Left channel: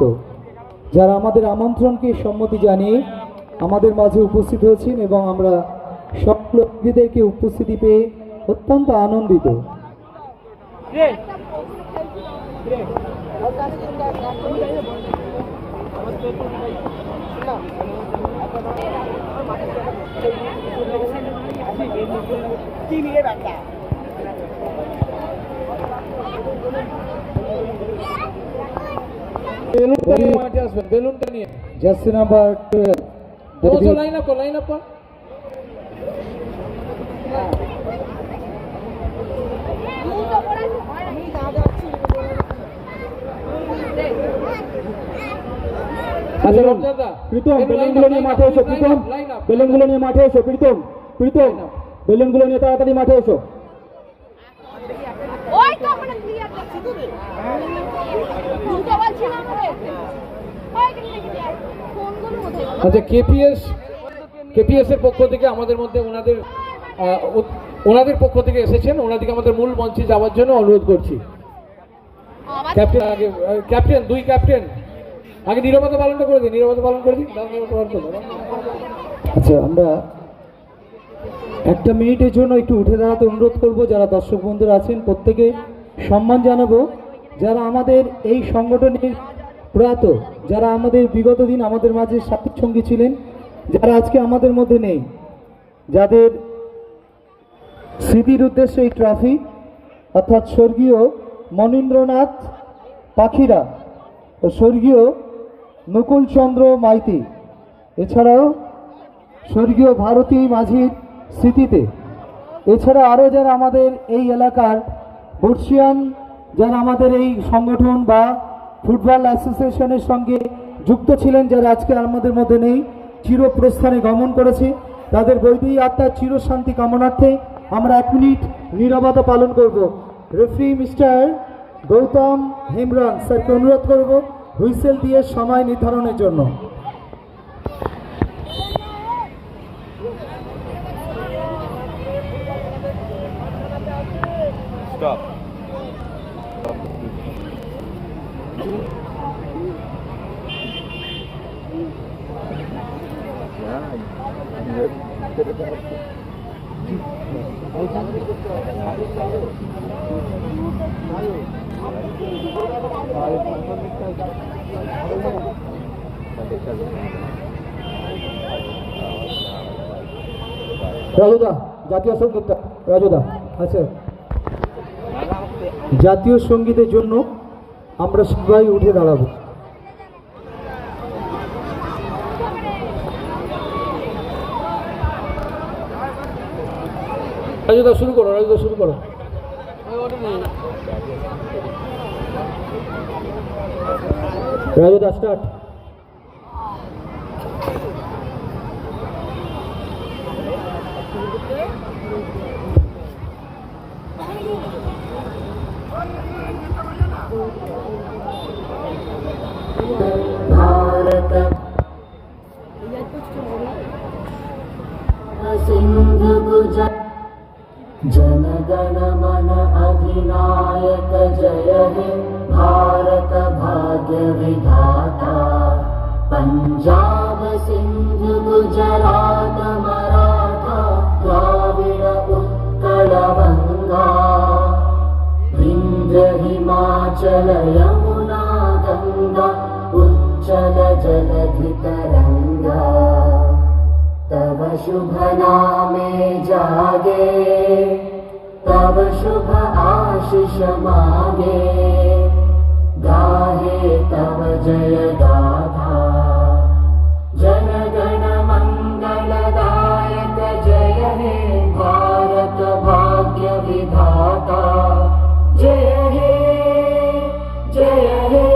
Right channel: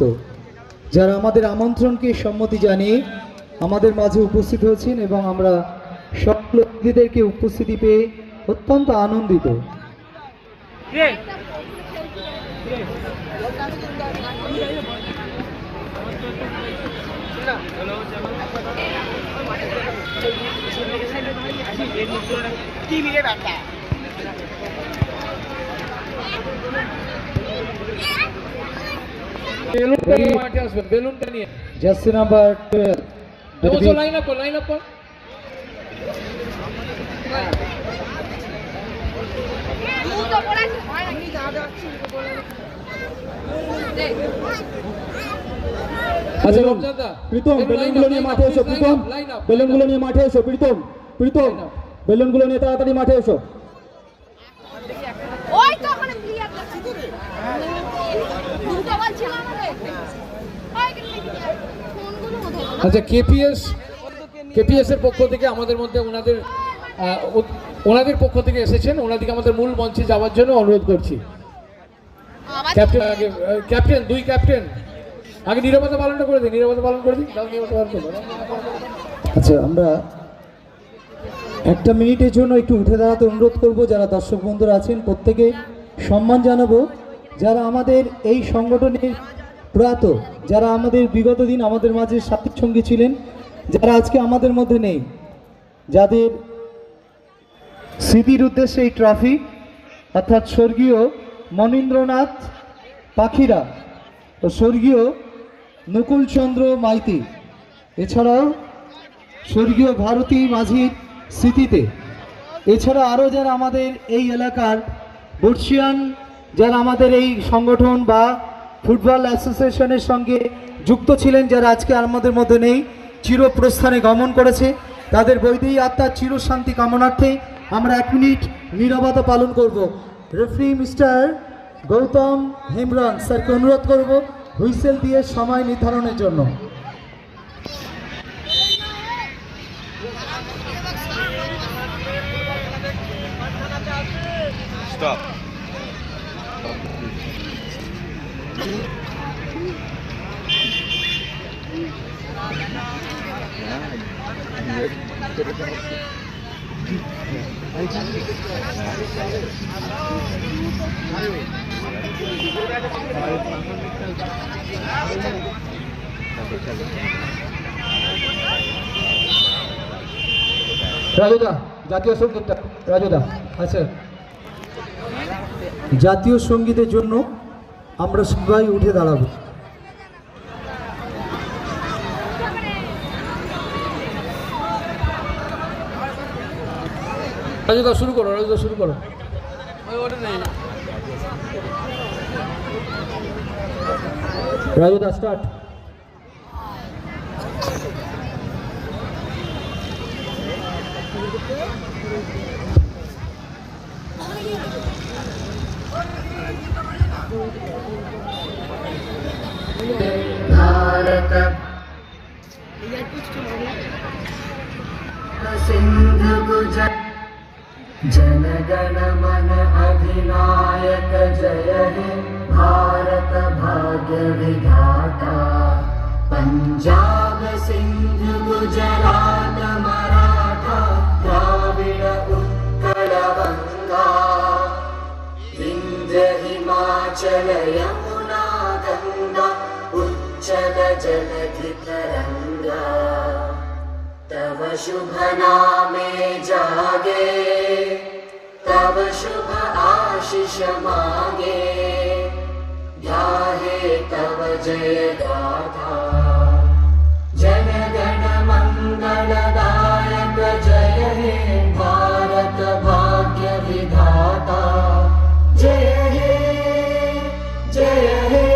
তো যারা আমাদের আমন্ত্রণকে সম্মতি জানিয়ে আমাদের মাঝে উপস্থিত হয়েছেন এবং আমরা সকল অতিথিদেরকে উপস্থিতি পেয়ে অত্যন্ত আনন্দিত। বেলুনটা নিয়ে jersey number 12 line up Pritam বেলুনগুলো নিয়ে মাঠে এসো। প্রীতম বেলুনগুলো নিয়ে মাঠে এসো। প্রীতম বেলুনগুলো নিয়ে তাড়াতাড়ি মাঠে এসো। আচ্ছা, কেপিএস এর পক্ষ থেকে আমাদের মধ্যে ওনাদের পক্ষ থেকে এসেছেন, ওনাদেরকে আমাদের মূল মঞ্চে যাওয়ার জন্য অনুরোধ করছি। ক্যাপ্টেন দুই ক্যাপ্টেন আগে নীরবতা পালনটা করে দিন, নীরবতা পালন করে দিন। আচ্ছা, আমরা একটা মিনিটের জন্য একটু উঠে দাঁড়াতে অনুরোধ করব। যারা দর্শক বন্ধুরা আছেন প্রত্যেকে সম্মান জানাবো, যারা আমাদের এই সংগঠনের প্রয়াত, যারা আমাদের বিগত দিন আমাদের মাঝে সাথী সঙ্গী ছিলেন, যারা আজকে আমাদের মধ্যে নেই, যাদের স্মৃতির উদ্দেশ্যে এই ট্রফি, অর্থাৎ স্বর্গীয় মনীন্দ্রনাথ পাখিরা ও স্বর্গীয় নকুলচন্দ্র মাইতি, এছাড়াও স্বর্গীয় ভারতী মাঝির স্মৃতিতে, এছাড়া আরও যারা আমাদের এই এলাকার বর্ষিয়ান, যারা আমাদের এই সংগঠন বা ফুটবল অ্যাসোসিয়েশনের সঙ্গে যুক্ত ছিলেন, যারা আজকে আমাদের মধ্যে নেই, চিরপ্রস্থানে গমন করেছে, তাদের বৈদেহী আত্মার চিরশান্তি কামনার্থে আমরা 1 মিনিট নীরবতা পালন করব। রেফারি মিস্টার গৌতম হেমব্রম স্যারকে অনুরোধ করব হুইসেল দিয়ে সময় নির্ধারণের জন্য। Stop. রাজুদা জাতীয় সঙ্গীতটা, রাজুদা। আচ্ছা, জাতীয় সঙ্গীতের জন্য আমরা সবাই উঠে দাঁড়াবো। রাজুদা শুরু করো, রাজুদা শুরু করো। রাজুদা স্টার্ট। सिंधु जनगण मन अधिनायक जय हे भारत भाग्य विधाता। पंजाब सिंधु गुजरात मराठा द्राविड़ उत्कल बंगा विंध्य हिमाचल यमुना गंगा उच्चल जलधि तरंगा। तव शुभ नामे जागे तव शुभ आशीष मांगे गाहे तव जय गाथा। जन गण मंगलदायक जय हे भारत भाग्य विधाता। जय हे जय हे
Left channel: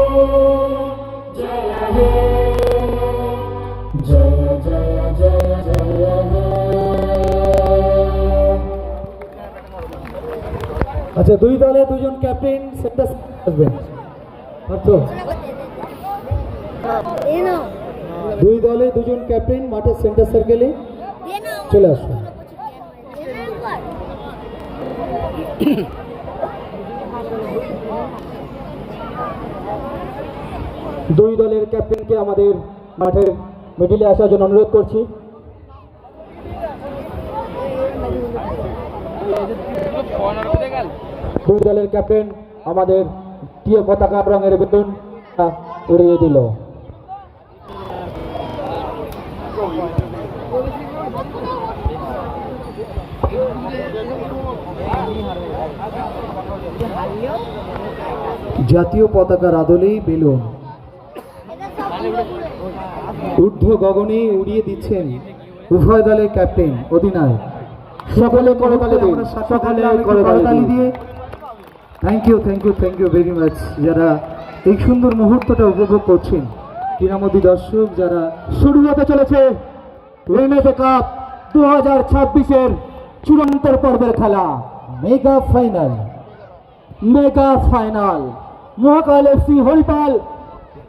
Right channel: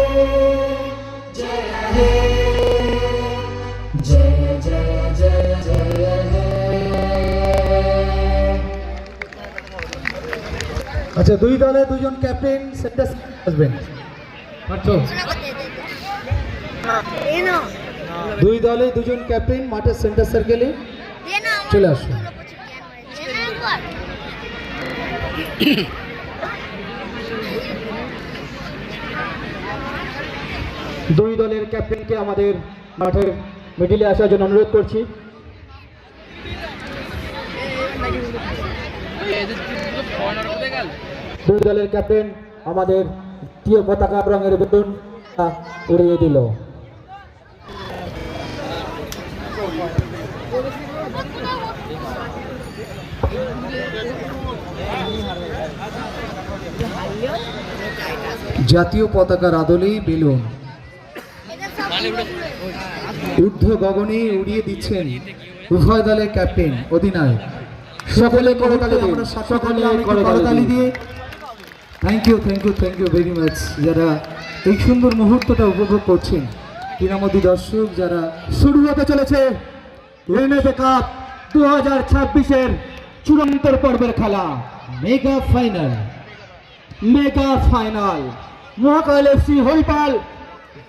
जय हे जय जय जय जय हे। আচ্ছা, দুই দলে দুজন ক্যাপ্টেন সেন্টার আসবেন। দুই দলে দুজন ক্যাপ্টেন মাঠের সেন্টার সার্কেলে চলে আসুন। দুই দলের ক্যাপ্টেনকে আমাদের মাঠে মিডিলে আসার জন্য অনুরোধ করছি। দুই দলের ক্যাপ্টেন আমাদের জাতীয় পতাকা রঙের বেলুন উড়িয়ে দিল। জাতীয় পতাকার আদলেই বেলুন ঊর্ধ্ব গগনে উড়িয়ে দিচ্ছেন উভয় দলের ক্যাপ্টেন অধিনায়ক। সকলে করতালি দিন, সকলে করতালি দিয়ে থ্যাংক ইউ ভেরি মাচ যারা এই সুন্দর মুহূর্তটা উপভোগ করছেন। ক্রীড়ামোদী দর্শক যারা শুরু হতে চলেছে এনএফএ কাপ 2026-এর চূড়ান্ত পর্বের খেলা, মেগা ফাইনাল মহাকাল এফসি হরিপাল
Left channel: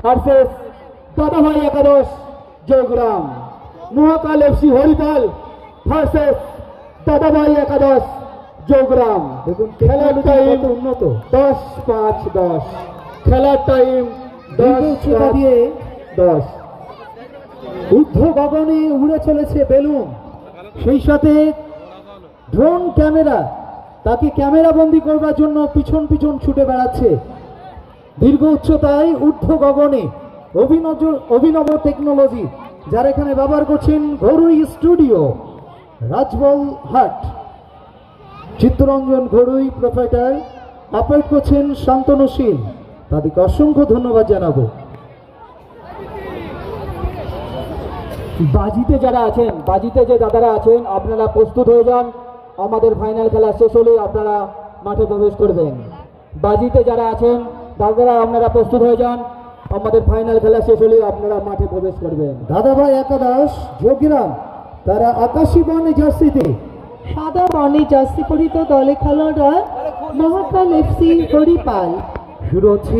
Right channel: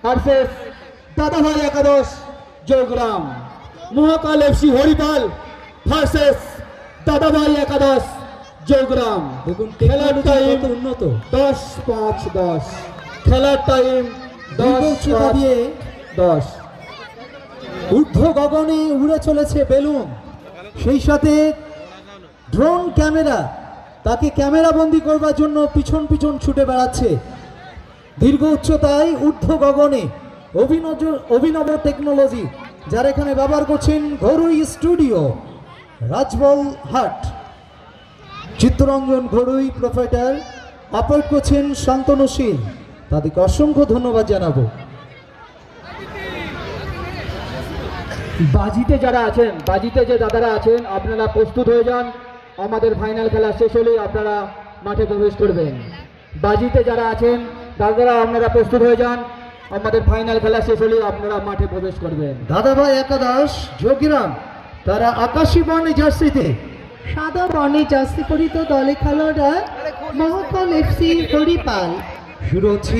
ভার্সেস দাদাভাই একাদশ জয়গ্রাম। মহাকাল এফসি হরিপাল ভার্সেস দাদাভাই একাদশ জয়গ্রাম। দেখুন খেলার টাইম উন্নত 10-5-10, খেলার টাইম 10 দিয়ে 10। ঊর্ধ্ব গগনে উড়ে চলেছে বেলুন, সেই সাথে ড্রোন ক্যামেরা তাকে ক্যামেরাবন্দি করবার জন্য পিছন পিছন ছুটে বেড়াচ্ছে। দীর্ঘ উচ্চতায় ঊর্ধ্ব গগনে অভিনব টেকনোলজি যারা এখানে ব্যবহার করছেন ঘরুই স্টুডিও রাজবল হাট, চিত্তরঞ্জন ঘরুই প্রোপ্রাইটার, অপারেট করছেন শান্তনু সিং, তাদেরকে অসংখ্য ধন্যবাদ জানাবো। বাজিতে যারা আছেন, বাজিতে যে দাদারা আছেন, আপনারা প্রস্তুত হয়ে যান। আমাদের ফাইনাল খেলা শেষ হলেই আপনারা মাঠে প্রবেশ করবেন। বাজিতে যারা আছেন দাদারা আপনারা প্রস্তুত হয়ে যান, আমাদের ফাইনাল খেলা শেষ হলেই আপনারা মাঠে প্রবেশ করবেন। দাদাভাই একাদশ যোগীরাম তারা আকাশী বর্ণে জার্সিতে সাদা বর্ণে জার্সি পরিত দলে খেলোয়াড়রা মহাকাল এফসি হরিপাল। শুরু হচ্ছে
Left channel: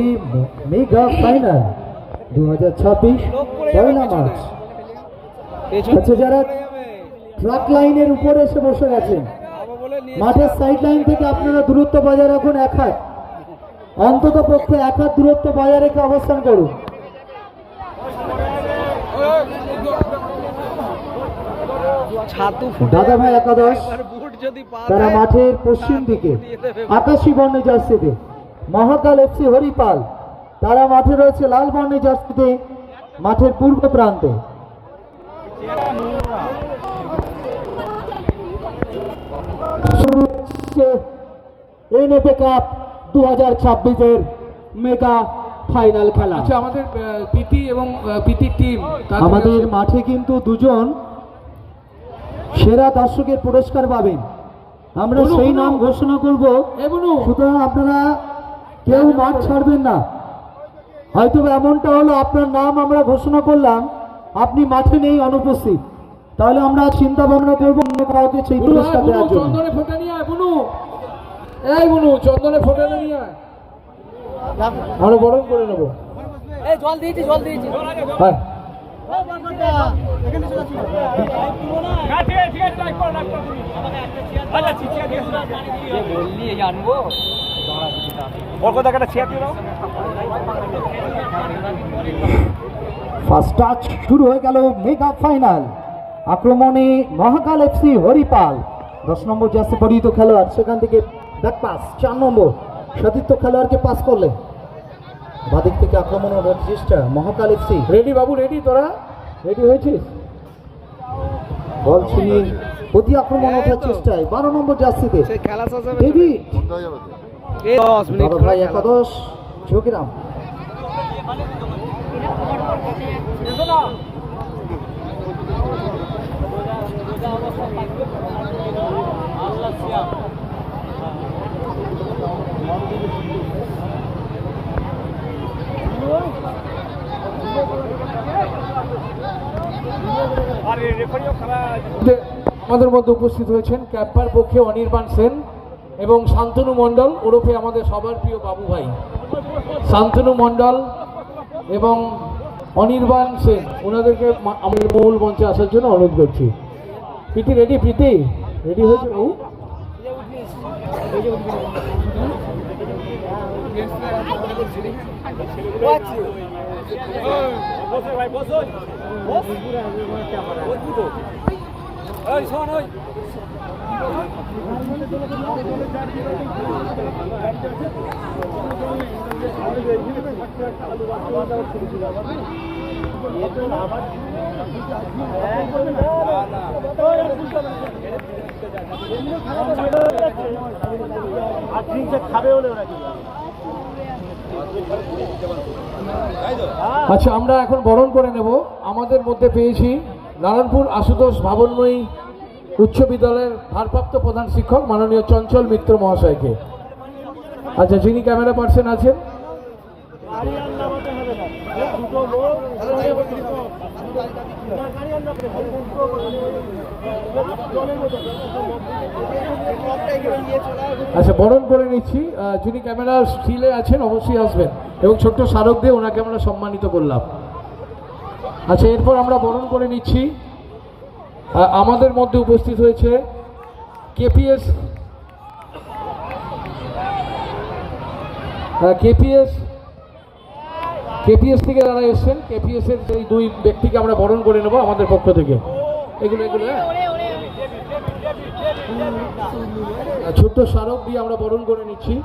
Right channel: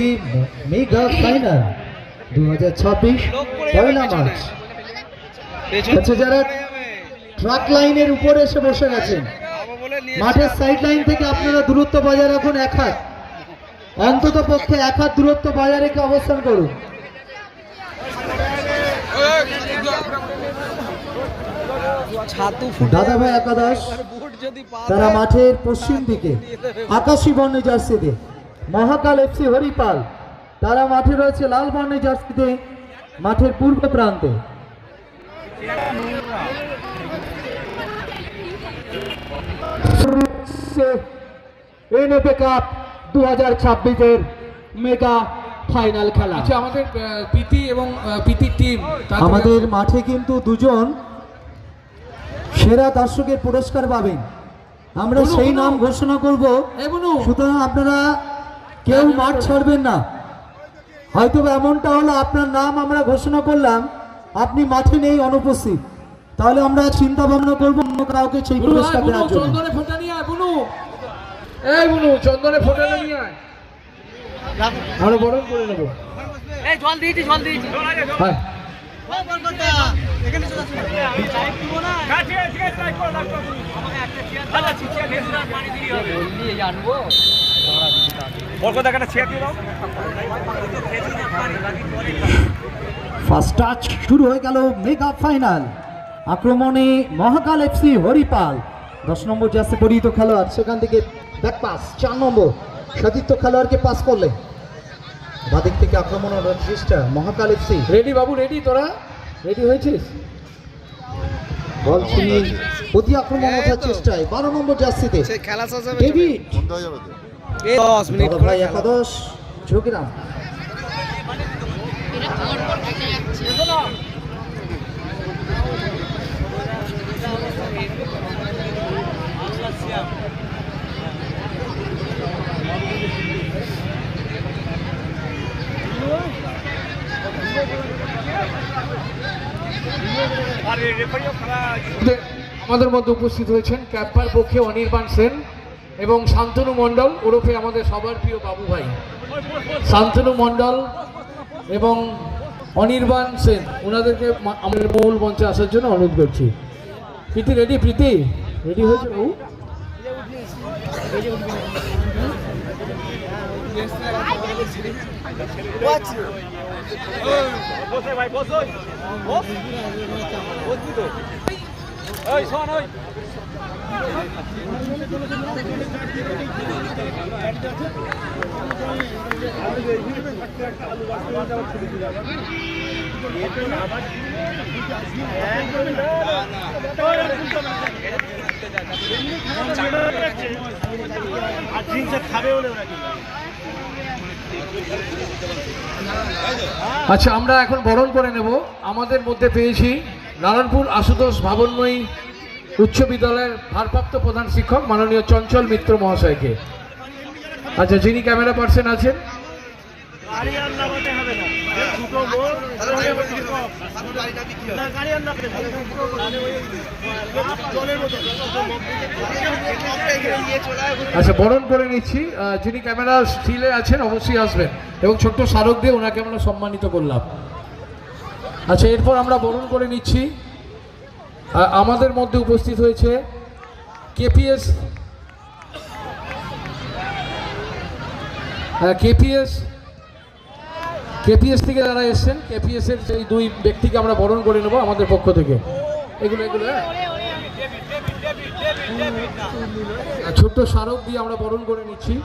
মেগা ফাইনাল 2026 পয়লা মার্চ। আচ্ছা, যারা ট্রাক লাইনের উপরে এসে বসে গেছেন মাঠের সাইড লাইন থেকে আপনারা দূরত্ব বজায় রাখুন, 1 হাত অন্তত পক্ষে 1 হাত দূরত্ব বজায় রেখে অবস্থান করুন। দাদাভাই একাদশ তারা মাঠের পশ্চিম দিকে আকাশী বর্ণের জার্সিতে, মহাকাল এফসি হরিপাল তারা মাঠে রয়েছে লাল বর্ণের জার্সিতে মাঠের পূর্ব প্রান্তে। এনএফএ কাপ 2026-এর মেগা ফাইনাল খেলা। আচ্ছা, আমাদের পিতি এবং পিতি টিম আমাদের মাঠে কিন্তু দুজন সেরা দর্শকের পুরস্কার পাবেন, আমরা সেই নাম ঘোষণা করব। সুতরাং আপনারা কেউ মাঠ ছাড়বেন না। হয়তো এমনটা হলো আপনার নাম আমরা ঘোষণা করলাম, আপনি মাঠে নেই, অনুপস্থিত, তাহলে আমরা চিন্তা ভাবনা করবো অন্য কাউকে সেই পুরস্কার দেওয়ার জন্য। চন্দনে ফোঁটা নিয়ে আয় বুনু, এই বুনু চন্দনে ফোঁটা নিয়ে আয়, আরো গরম করে নেবো। জল দিয়েছি হ্যাঁ, ফার্স্ট টাচ শুরু হয়ে গেল মেগা ফাইনাল। আক্রমণে মহাকাল এফসি হরিপাল 10 নম্বর জার্সি পরিহিত খেলোয়াড়, সেখান থেকে ব্যাক পাস 4 নম্বর সতীর্থ খেলোয়াড়কে পাস করলেন। বাদিক থেকে আক্রমণের চেষ্টা মহাকাল এফসি। রেডি বাবু, রেডি? তোরা রেডি হয়েছিস? বল ছিনিয়ে প্রতি আক্রমণ ওঠার চেষ্টায় 12 নম্বর জার্সিতে ডেভিড। 10 মিনিট দাদাভাই একাদশ যোগীরাম। আমাদের মধ্যে উপস্থিত হয়েছেন ক্যাম্পার পক্ষে অনির্বাণ সেন এবং শান্তনু মণ্ডল ওরফে আমাদের সবার প্রিয় বাবু ভাই। শান্তনু মণ্ডল এবং অনির্বাণ সেন ওনাদেরকে আমাদের মূল মঞ্চে আসার জন্য অনুরোধ করছি। প্রীতি রেডি? প্রীতি রেডি হয়েছে বাবু? আচ্ছা, আমরা এখন বরণ করে নেব। আমাদের মধ্যে পেয়েছি নারায়ণপুর আশুতোষ ভাবনময়ী উচ্চ বিদ্যালয়ের ভারপ্রাপ্ত প্রধান শিক্ষক মাননীয় চঞ্চল মিত্র মহাশয়কে। আচ্ছা, যিনি ক্যামেরা পার্সন আছেন, আচ্ছা বরণ করে নিচ্ছি। যিনি ক্যামেরা স্টিলে আছেন অবশ্যই আসবেন এবং ছোট্ট স্মারক দিয়ে ওনাকে আমরা সম্মানিত করলাম। আচ্ছা, এরপর আমরা বরণ করে নিচ্ছি। আমাদের মধ্যে উপস্থিত হয়েছে কেপিএস থেকে যারা এসছেন, কেপিএস এর সেই দুই ব্যক্তিকে আমরা বরণ করে নেব আমাদের পক্ষ থেকে। এগুলো ছোট্ট স্মারক দিয়ে আমরা বরণ করে নিচ্ছি।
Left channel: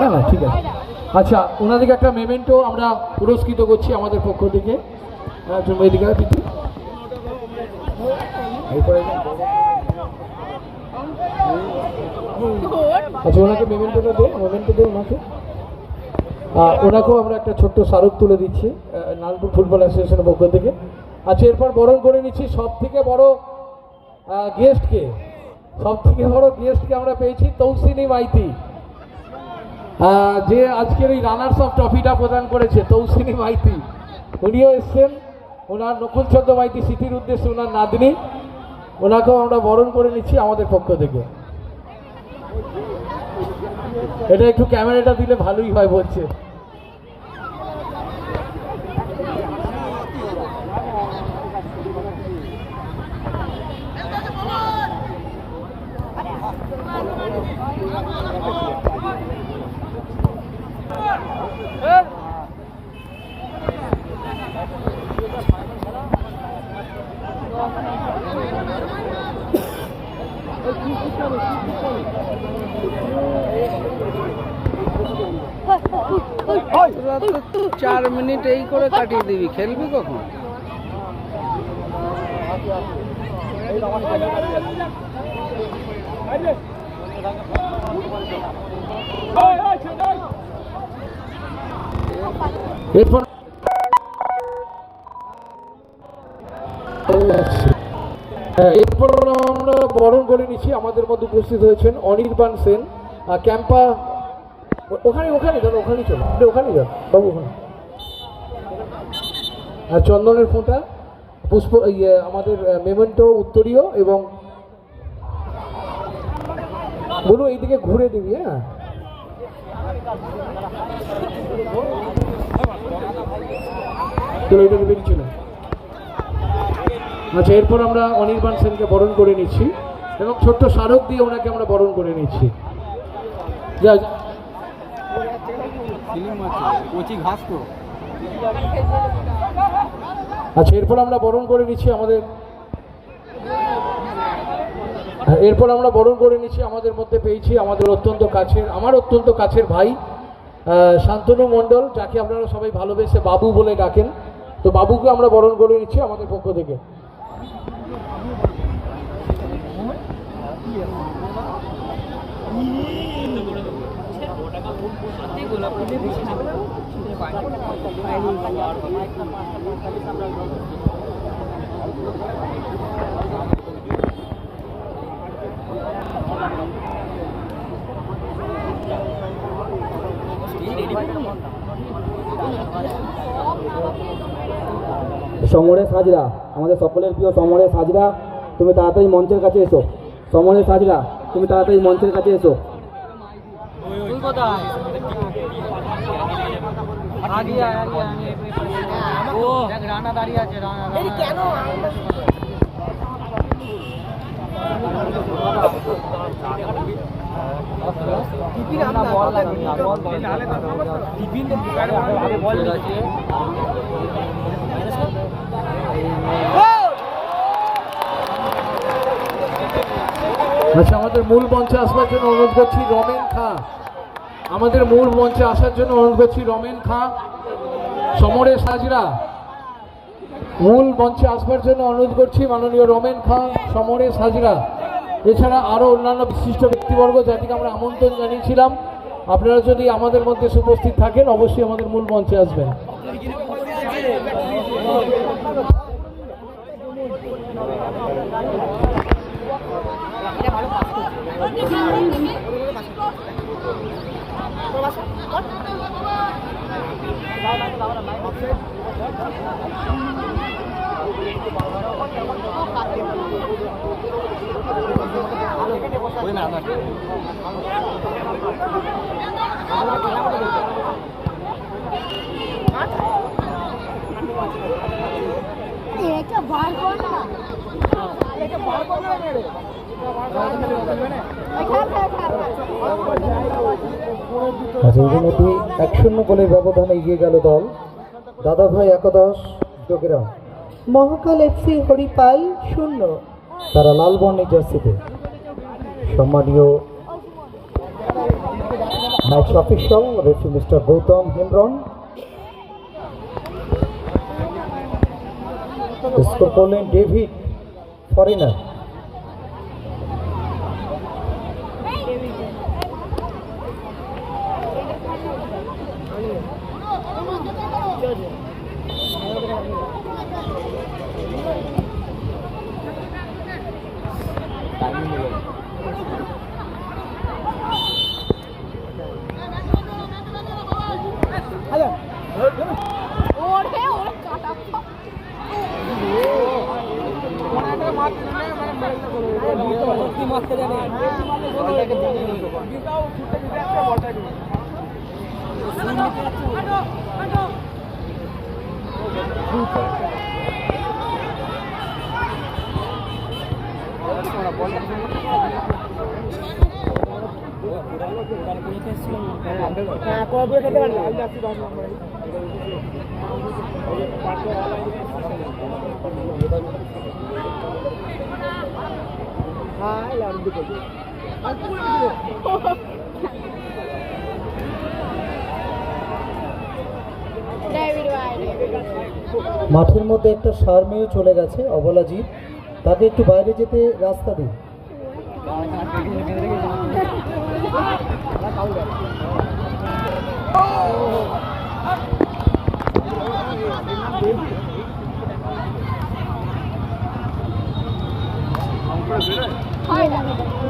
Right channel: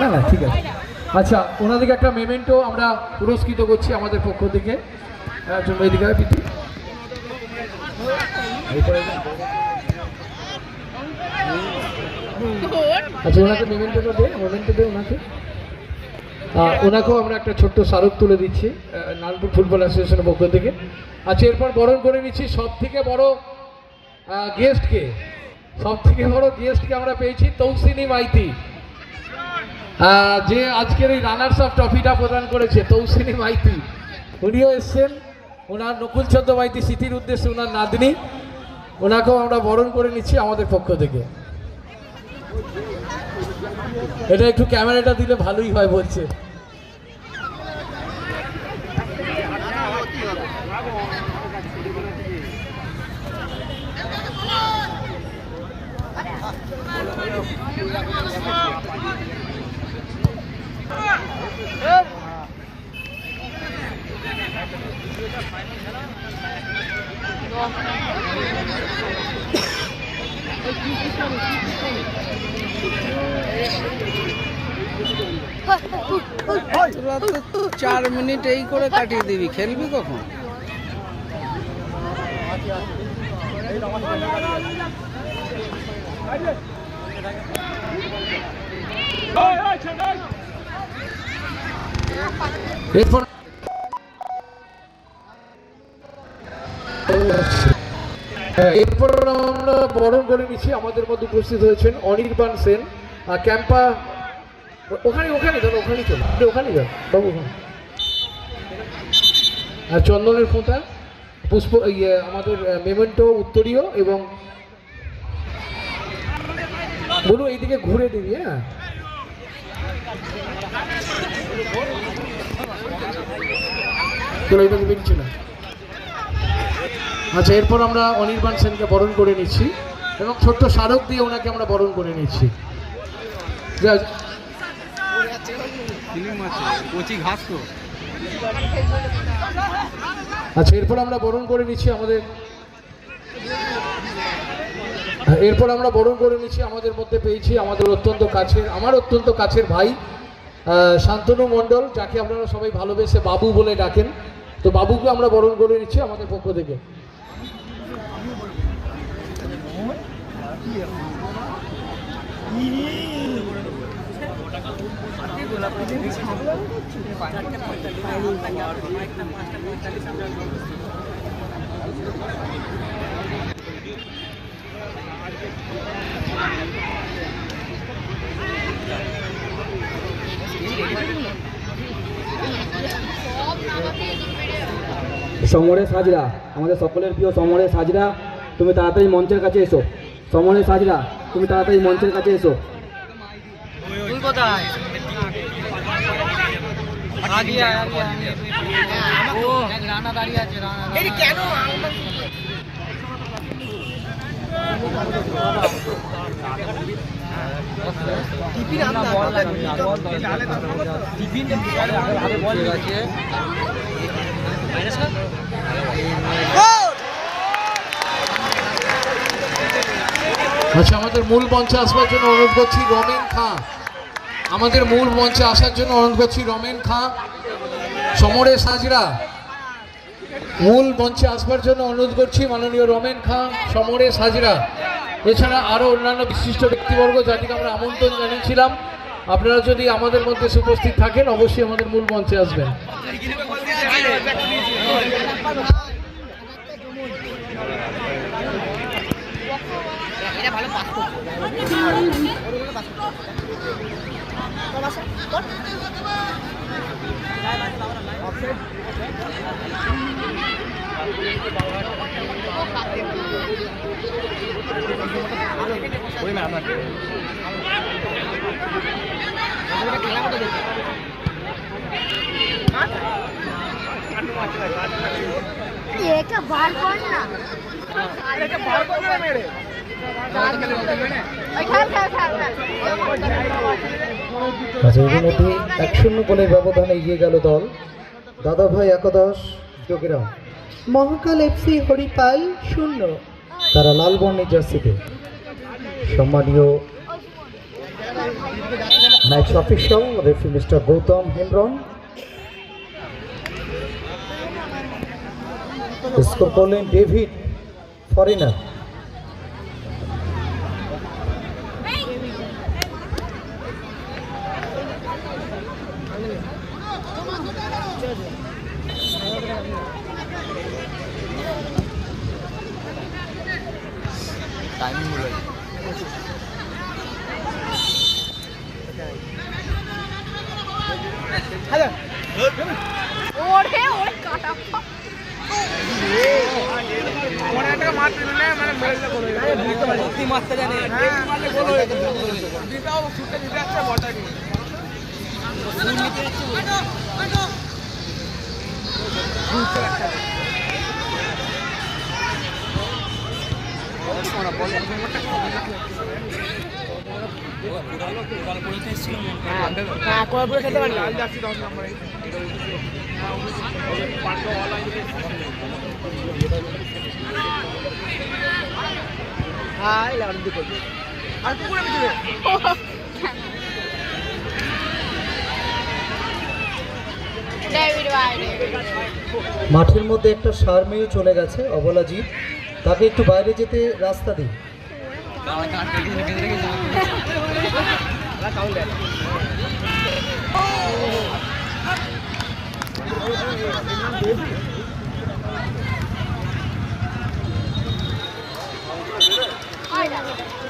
না না, ঠিক আছে। আচ্ছা, ওনাদেরকে একটা মেমেন্টো আমরা পুরস্কৃত করছি আমাদের পক্ষ থেকে। এদিকে প্রীতি, আচ্ছা ওনাকে মেমেন্টোটা দে ওনাকে। ওনাকেও আমরা একটা ছোট্ট স্মারক তুলে দিচ্ছি নারায়ণপুর ফুটবল অ্যাসোসিয়েশনের পক্ষ থেকে। আচ্ছা, এরপর বরণ করে নিচ্ছি সব থেকে বড় গেস্টকে। আমরা পেয়েছি তৌসিনী মাইতি, যে আজকের এই রানার্স অফ ট্রফিটা প্রদান করেছে। তৌসিনী মাইতি উনিও এসছেন, ওনার নকুলচন্দ্র মাইতি স্মৃতির উদ্দেশ্যে ওনার নাতনি। ওনাকেও আমরা বরণ করে নিচ্ছি আমাদের পক্ষ থেকে। এটা একটু ক্যামেরাটা দিলে ভালোই হয় বলছে। তোরা তো 4 মিনিট এই করে কাটিয়ে দিবি, খেলবি কখন? এরপর আমরা বরণ করে নিচ্ছি। আমাদের মধ্যে উপস্থিত হয়েছেন অনির্বাণ সেন, ক্যাম্পা। ওখানে যান বাবু, ওখানে চন্দনের ফুটা, পুষ্প, আমাদের মেমেন্টো উত্তরীয় এবং বলুন এইদিকে ঘুরে দিবি। হ্যাঁ, বেরিয়েছিল। আচ্ছা, এরপর আমরা অনির্বাণ সেনকে বরণ করে নিচ্ছি এবং ছোট্ট স্মারক দিয়ে ওনাকে আমরা বরণ করে নিচ্ছি। আচ্ছা, এরপর আমরা বরণ করে নিচ্ছি আমাদের মধ্যে পেয়েছি আমাদের আমার অত্যন্ত কাছের ভাই শান্তনু মণ্ডল, যাকে আপনারা সবাই ভালোবেসে বাবু বলে ডাকেন। তো বাবুকে আমরা বরণ করে নিচ্ছি আমাদের পক্ষ থেকে। সমরেশ হাজরা, আমাদের সকলের প্রিয় সমরেশ হাজরা, তুমি তাড়াতাড়ি মঞ্চের কাছে এসো। সমরেশ হাজরা, তুমি তাড়াতাড়ি মঞ্চের কাছে এসো। কোথায় রানা দাঁড়িয়ে আছে কেন আচ্ছা, আমাদের মূল মঞ্চে আসবার জন্য অনুরোধ করছি রমেন খাঁ। আমাদের মূল মঞ্চে আসার জন্য অনুরোধ করছি রমেন খাঁ, সমরেশ হাজরা। মূল মঞ্চে আসবার জন্য অনুরোধ করছি মাননীয় রমেন খাঁ, সমরেশ হাজরা। এছাড়া আরও অন্যান্য বিশিষ্ট ব্যক্তিবর্গ যাদেরকে আমরা আমন্ত্রণ জানিয়েছিলাম, আপনারা যদি আমাদের মধ্যে উপস্থিত থাকেন অবশ্যই আমাদের মূল মঞ্চে আসবেন। এটা বার কর না এটা বার কর না মেরে আচ্ছা, ইতিমধ্যে 1-0 গোলের ব্যবধানে এগিয়ে গেল দল দাদাভাই একাদশ যোগেরাম। মহাকাল এফসি হরিপাল 0। তারা লাল বর্ণের জার্সিতে। সম্মানীয় match official referee mister Gautam Hembrom score করলেন ডেভিড ফরেনার। ওরে ওরে কাটা খেতে পারি মাঠের মধ্যে একটা সার মেয়ে চলে গেছে অবলাজিৎ, তাকে একটু বাইরে যেতে রাস্তা দিই।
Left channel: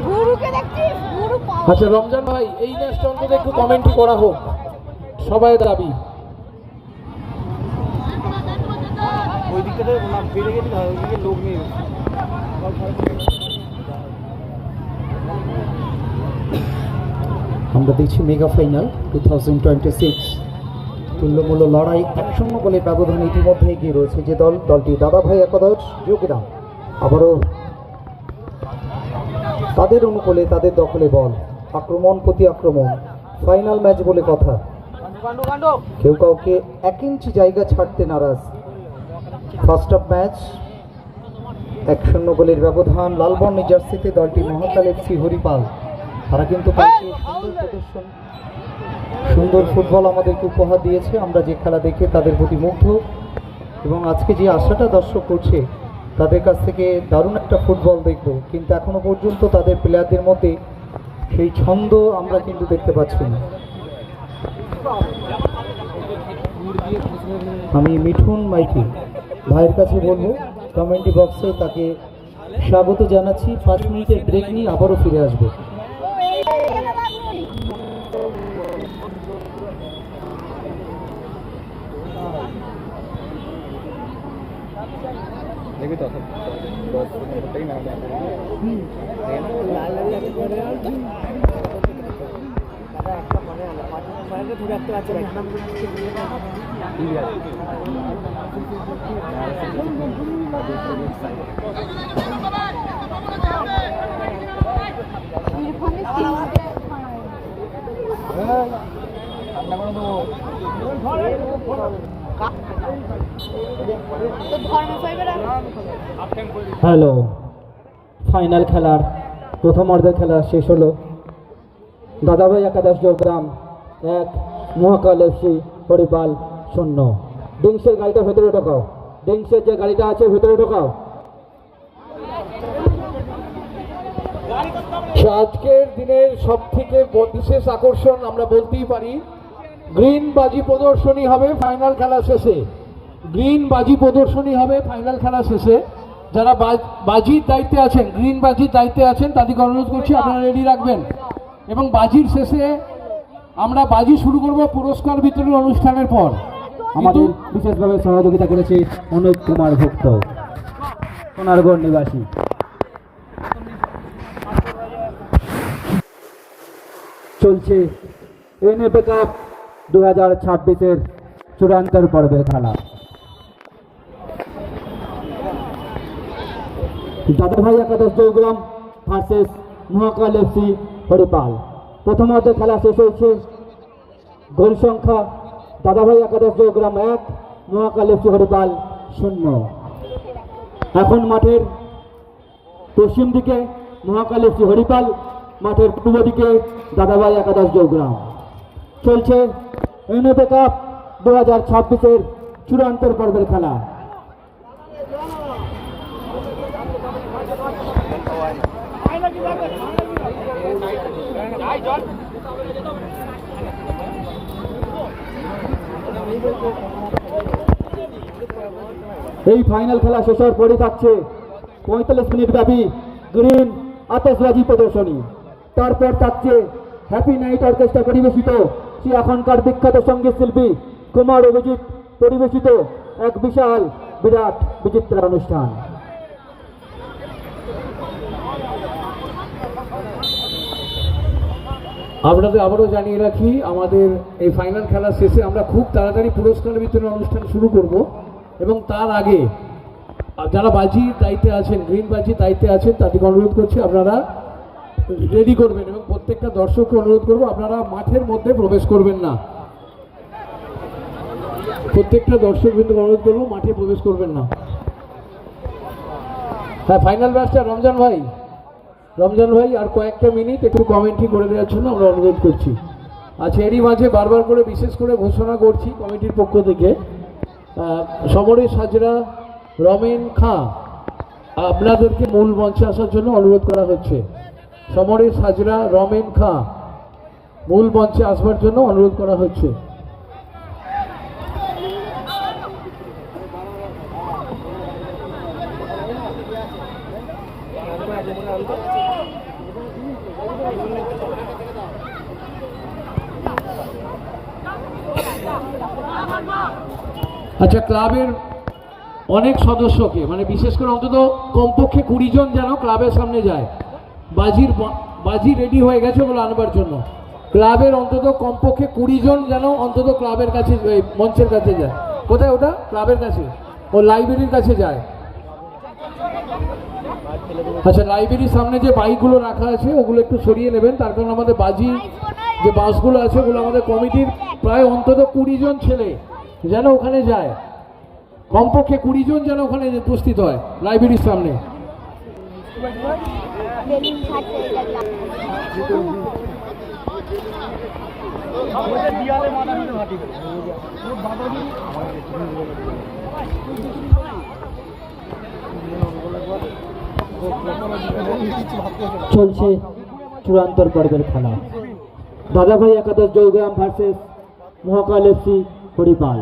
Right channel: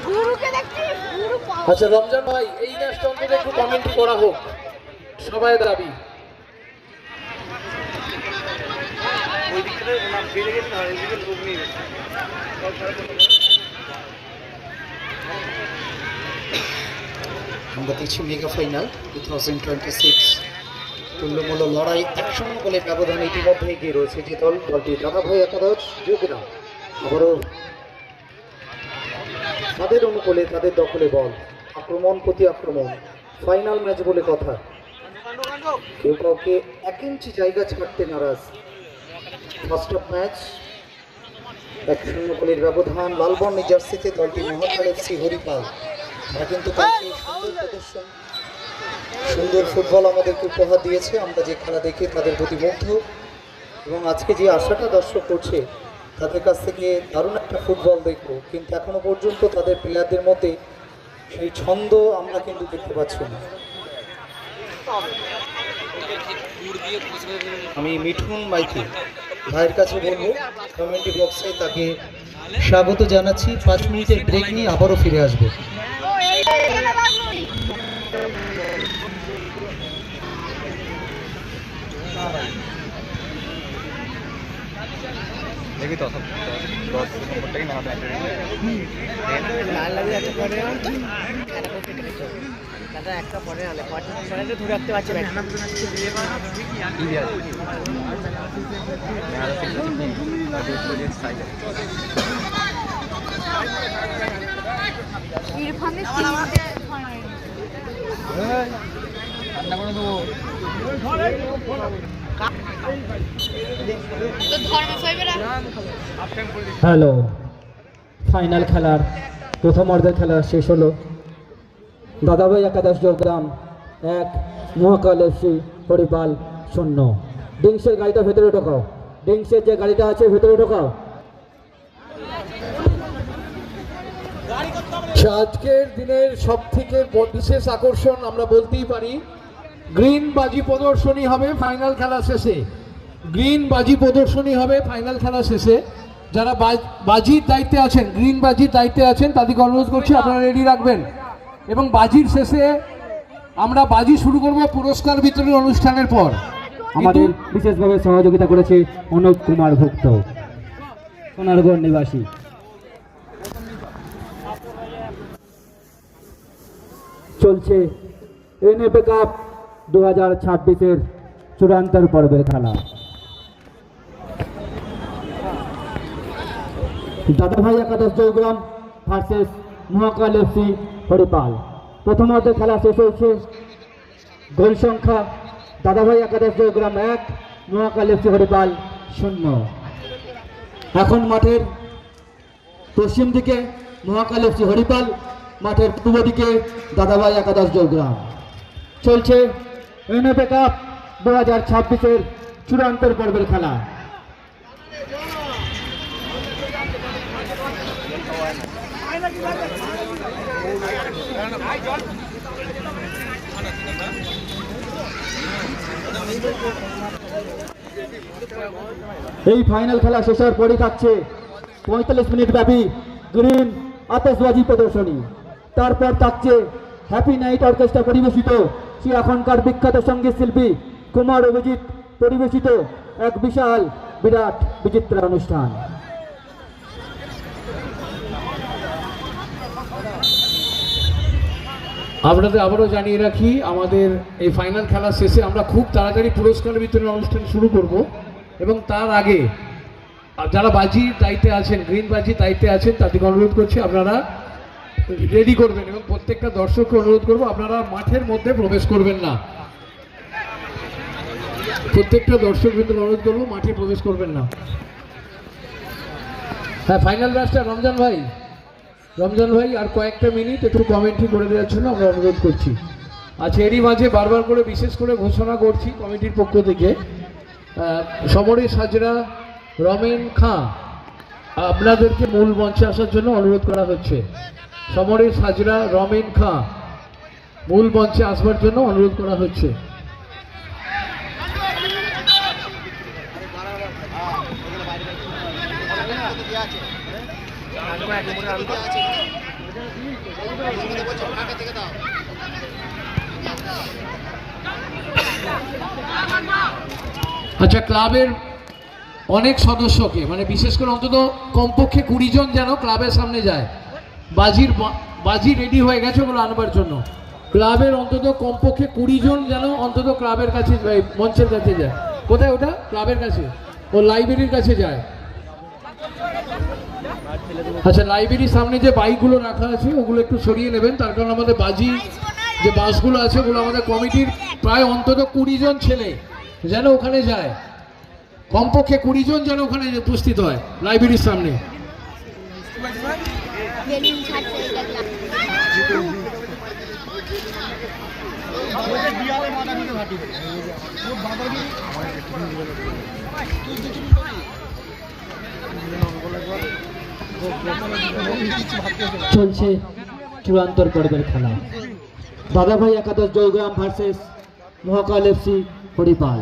গুরুকে দেখছি গুরু পাওয়া আচ্ছা রমজান ভাই, এই ম্যাচটা অন্তত একটু কমেন্ট্রি করা হোক, সবাই দাবি। আমরা দেখছি মেগা ফাইনাল 2026 তুল্যমূল্য লড়াই 1-0 গোলের ব্যবধানে ইতিমধ্যে এগিয়ে রয়েছে যে দলটি দাদাভাই একাদশ যোগেরাম। আবারও তাদের অনুকূলে তাদের দখলে বল, আক্রমণ প্রতি আক্রমণ, ফাইনাল ম্যাচ বলে কথা। কেউ কাউকে 1 ইঞ্চি জায়গা ছাড়তে নারাজ। ফার্স্ট হাফ ম্যাচ 1-0 গোলের ব্যবধান। লালবর্ণের জার্সিতে দলটি মহাকাল এফসি হরিপাল। তারা কিন্তু কালকে সুন্দর প্রদর্শন, সুন্দর ফুটবল আমাদেরকে উপহার দিয়েছে। আমরা যে খেলা দেখে তাদের প্রতি মুগ্ধ, এবং আজকে যে আশাটা দর্শক করছে তাদের কাছ থেকে দারুণ একটা ফুটবল দেখব, কিন্তু এখনো পর্যন্ত তাদের প্লেয়ারদের মধ্যে সেই ছন্দ আমরা কিন্তু দেখতে পাচ্ছি না। আমি মিঠুন মাইতি ভাইয়ের কাছে বলবো কমেন্ট্রি বক্সে তাকে স্বাগত জানাচ্ছি। 5 মিনিটের ব্রেক নিয়ে আবারও ফিরে আসবে। দেখি তো 10 নম্বরটাই না ইরফানের তিনটে তো ধর্ম সাহেবের হ্যালো, ফাইনাল খেলার প্রথম অর্ধের খেলা শেষ হলো। দাদাভাই একাদশ জোরগ্রাম 1, মহাকাল এফসি হরিপাল 0। ডিংসের গাড়িটা ভেতরে ঢোকাও, ডিংসের যে গাড়িটা আছে ভেতরে ঢোকাও। আজকের দিনের সব থেকে বিশেষ আকর্ষণ আমরা বলতেই পারি, গ্রিন বাজি প্রদর্শনী হবে ফাইনাল খেলা শেষে। গ্রিন বাজি প্রদর্শনী হবে ফাইনাল খেলা শেষে। যারা বাজির দায়িত্বে আছেন, গ্রিন বাজির দায়িত্বে আছেন, তাদেরকে অনুরোধ করছি আপনারা রেডি রাখবেন। এবং বাজির শেষে আমরা বাজি শুরু করব পুরস্কার বিতরণ অনুষ্ঠানের পর। আমাদের বিশেষভাবে সহযোগিতা করেছে অনুপ কুমার ভুক্ত, সোনারগড় নিবাসী। চলছে এনএফএ কাপ 2026-এর চূড়ান্তের পর্বের খেলা। দাদাভাই একাদশ জয়গ্রাম ভার্সেস মহাকাল এফসি হরিপাল। প্রথম অর্ধের খেলা শেষ হয়েছে। গোল সংখ্যা দাদাভাই একাদশ জয়গ্রাম 1, মহাকাল এফসি হরিপাল 0। এখন মাঠের পশ্চিম দিকে মহাকাল এফসি হরিপাল, মাঠের পূর্ব দিকে দাদাভাই একাদশ জয়গ্রাম। চলছে এনএফএ কাপ 2026-এর চূড়ান্তের পর্বের খেলা। এই ফাইনাল খেলা শেষ হওয়ার পরে থাকছে 45 মিনিট ব্যাপী গ্রিন আতশবাজি প্রদর্শনী। তারপর থাকছে হ্যাপি নাইট অর্কেস্ট্রা পরিবেশিত সে এখনকার বিখ্যাত সঙ্গীত শিল্পী কুমার অভিজিৎ পরিবেশিত এক বিশাল বিরাট বিচিত্র অনুষ্ঠান। আপনাদের আবারও জানিয়ে রাখি, আমাদের এই ফাইনাল খেলা শেষে আমরা খুব তাড়াতাড়ি পুরস্কার বিতরণ অনুষ্ঠান শুরু করব। এবং তার আগে যারা বাজির দায়িত্বে আছেন, গ্রিন বাজির দায়িত্বে আছেন, তাদেরকে অনুরোধ করছি আপনারা রেডি করবেন। এবং প্রত্যেকটা দর্শককে অনুরোধ করব আপনারা মাঠের মধ্যে প্রবেশ করবেন না। প্রত্যেকটা দর্শক কিন্তু অনুরোধ করবো মাঠে প্রবেশ করবেন না। হ্যাঁ, ফাইনাল ম্যাচটা রমজান ভাই আর কয়েকটা মিনিট একটু কমেন্ট্রি করে দেওয়ার জন্য আমরা অনুরোধ করছি। আচ্ছা, এরই মাঝে বারবার করে বিশেষ করে ঘোষণা করছি কমিটির পক্ষ থেকে, সমরেশ হাজরা, রমেন খাঁ আপনাদেরকে মূল মঞ্চে আসার জন্য অনুরোধ করা হচ্ছে। সমরেশ হাজরা, রমেন খাঁ মূল মঞ্চে আসবার জন্য অনুরোধ করা হচ্ছে। আচ্ছা, ক্লাবের অনেক সদস্যকে, মানে বিশেষ করে অন্তত কমপক্ষে 20 জন যেন ক্লাবের সামনে যায়। বাজি রেডি হয়ে গেছে ওগুলো আনবার জন্য। ক্লাবের অন্তত কমপক্ষে 20 জন যেন অন্তত ক্লাবের কাছে, মঞ্চের কাছে যায়। কোথায় ওটা? ক্লাবের কাছে, ও লাইব্রেরির কাছে যায়। আচ্ছা, লাইব্রেরির সামনে যে বাইকগুলো রাখা আছে ওগুলো একটু সরিয়ে নেবেন, তার কারণ আমাদের বাজি যে বাসগুলো আছে ওগুলো আমাদের কমিটির প্রায় অন্তত 20 জন ছেলে যেন ওখানে যায়। কমপক্ষে 20 জন যেন ওখানে উপস্থিত হয় লাইব্রেরির সামনে। চলছে চূড়ান্তর পর্বের খেলা। দাদাভাই একাদশ জয়গ্রাম ভার্সেস মহাকাল এফসি হরিপাল।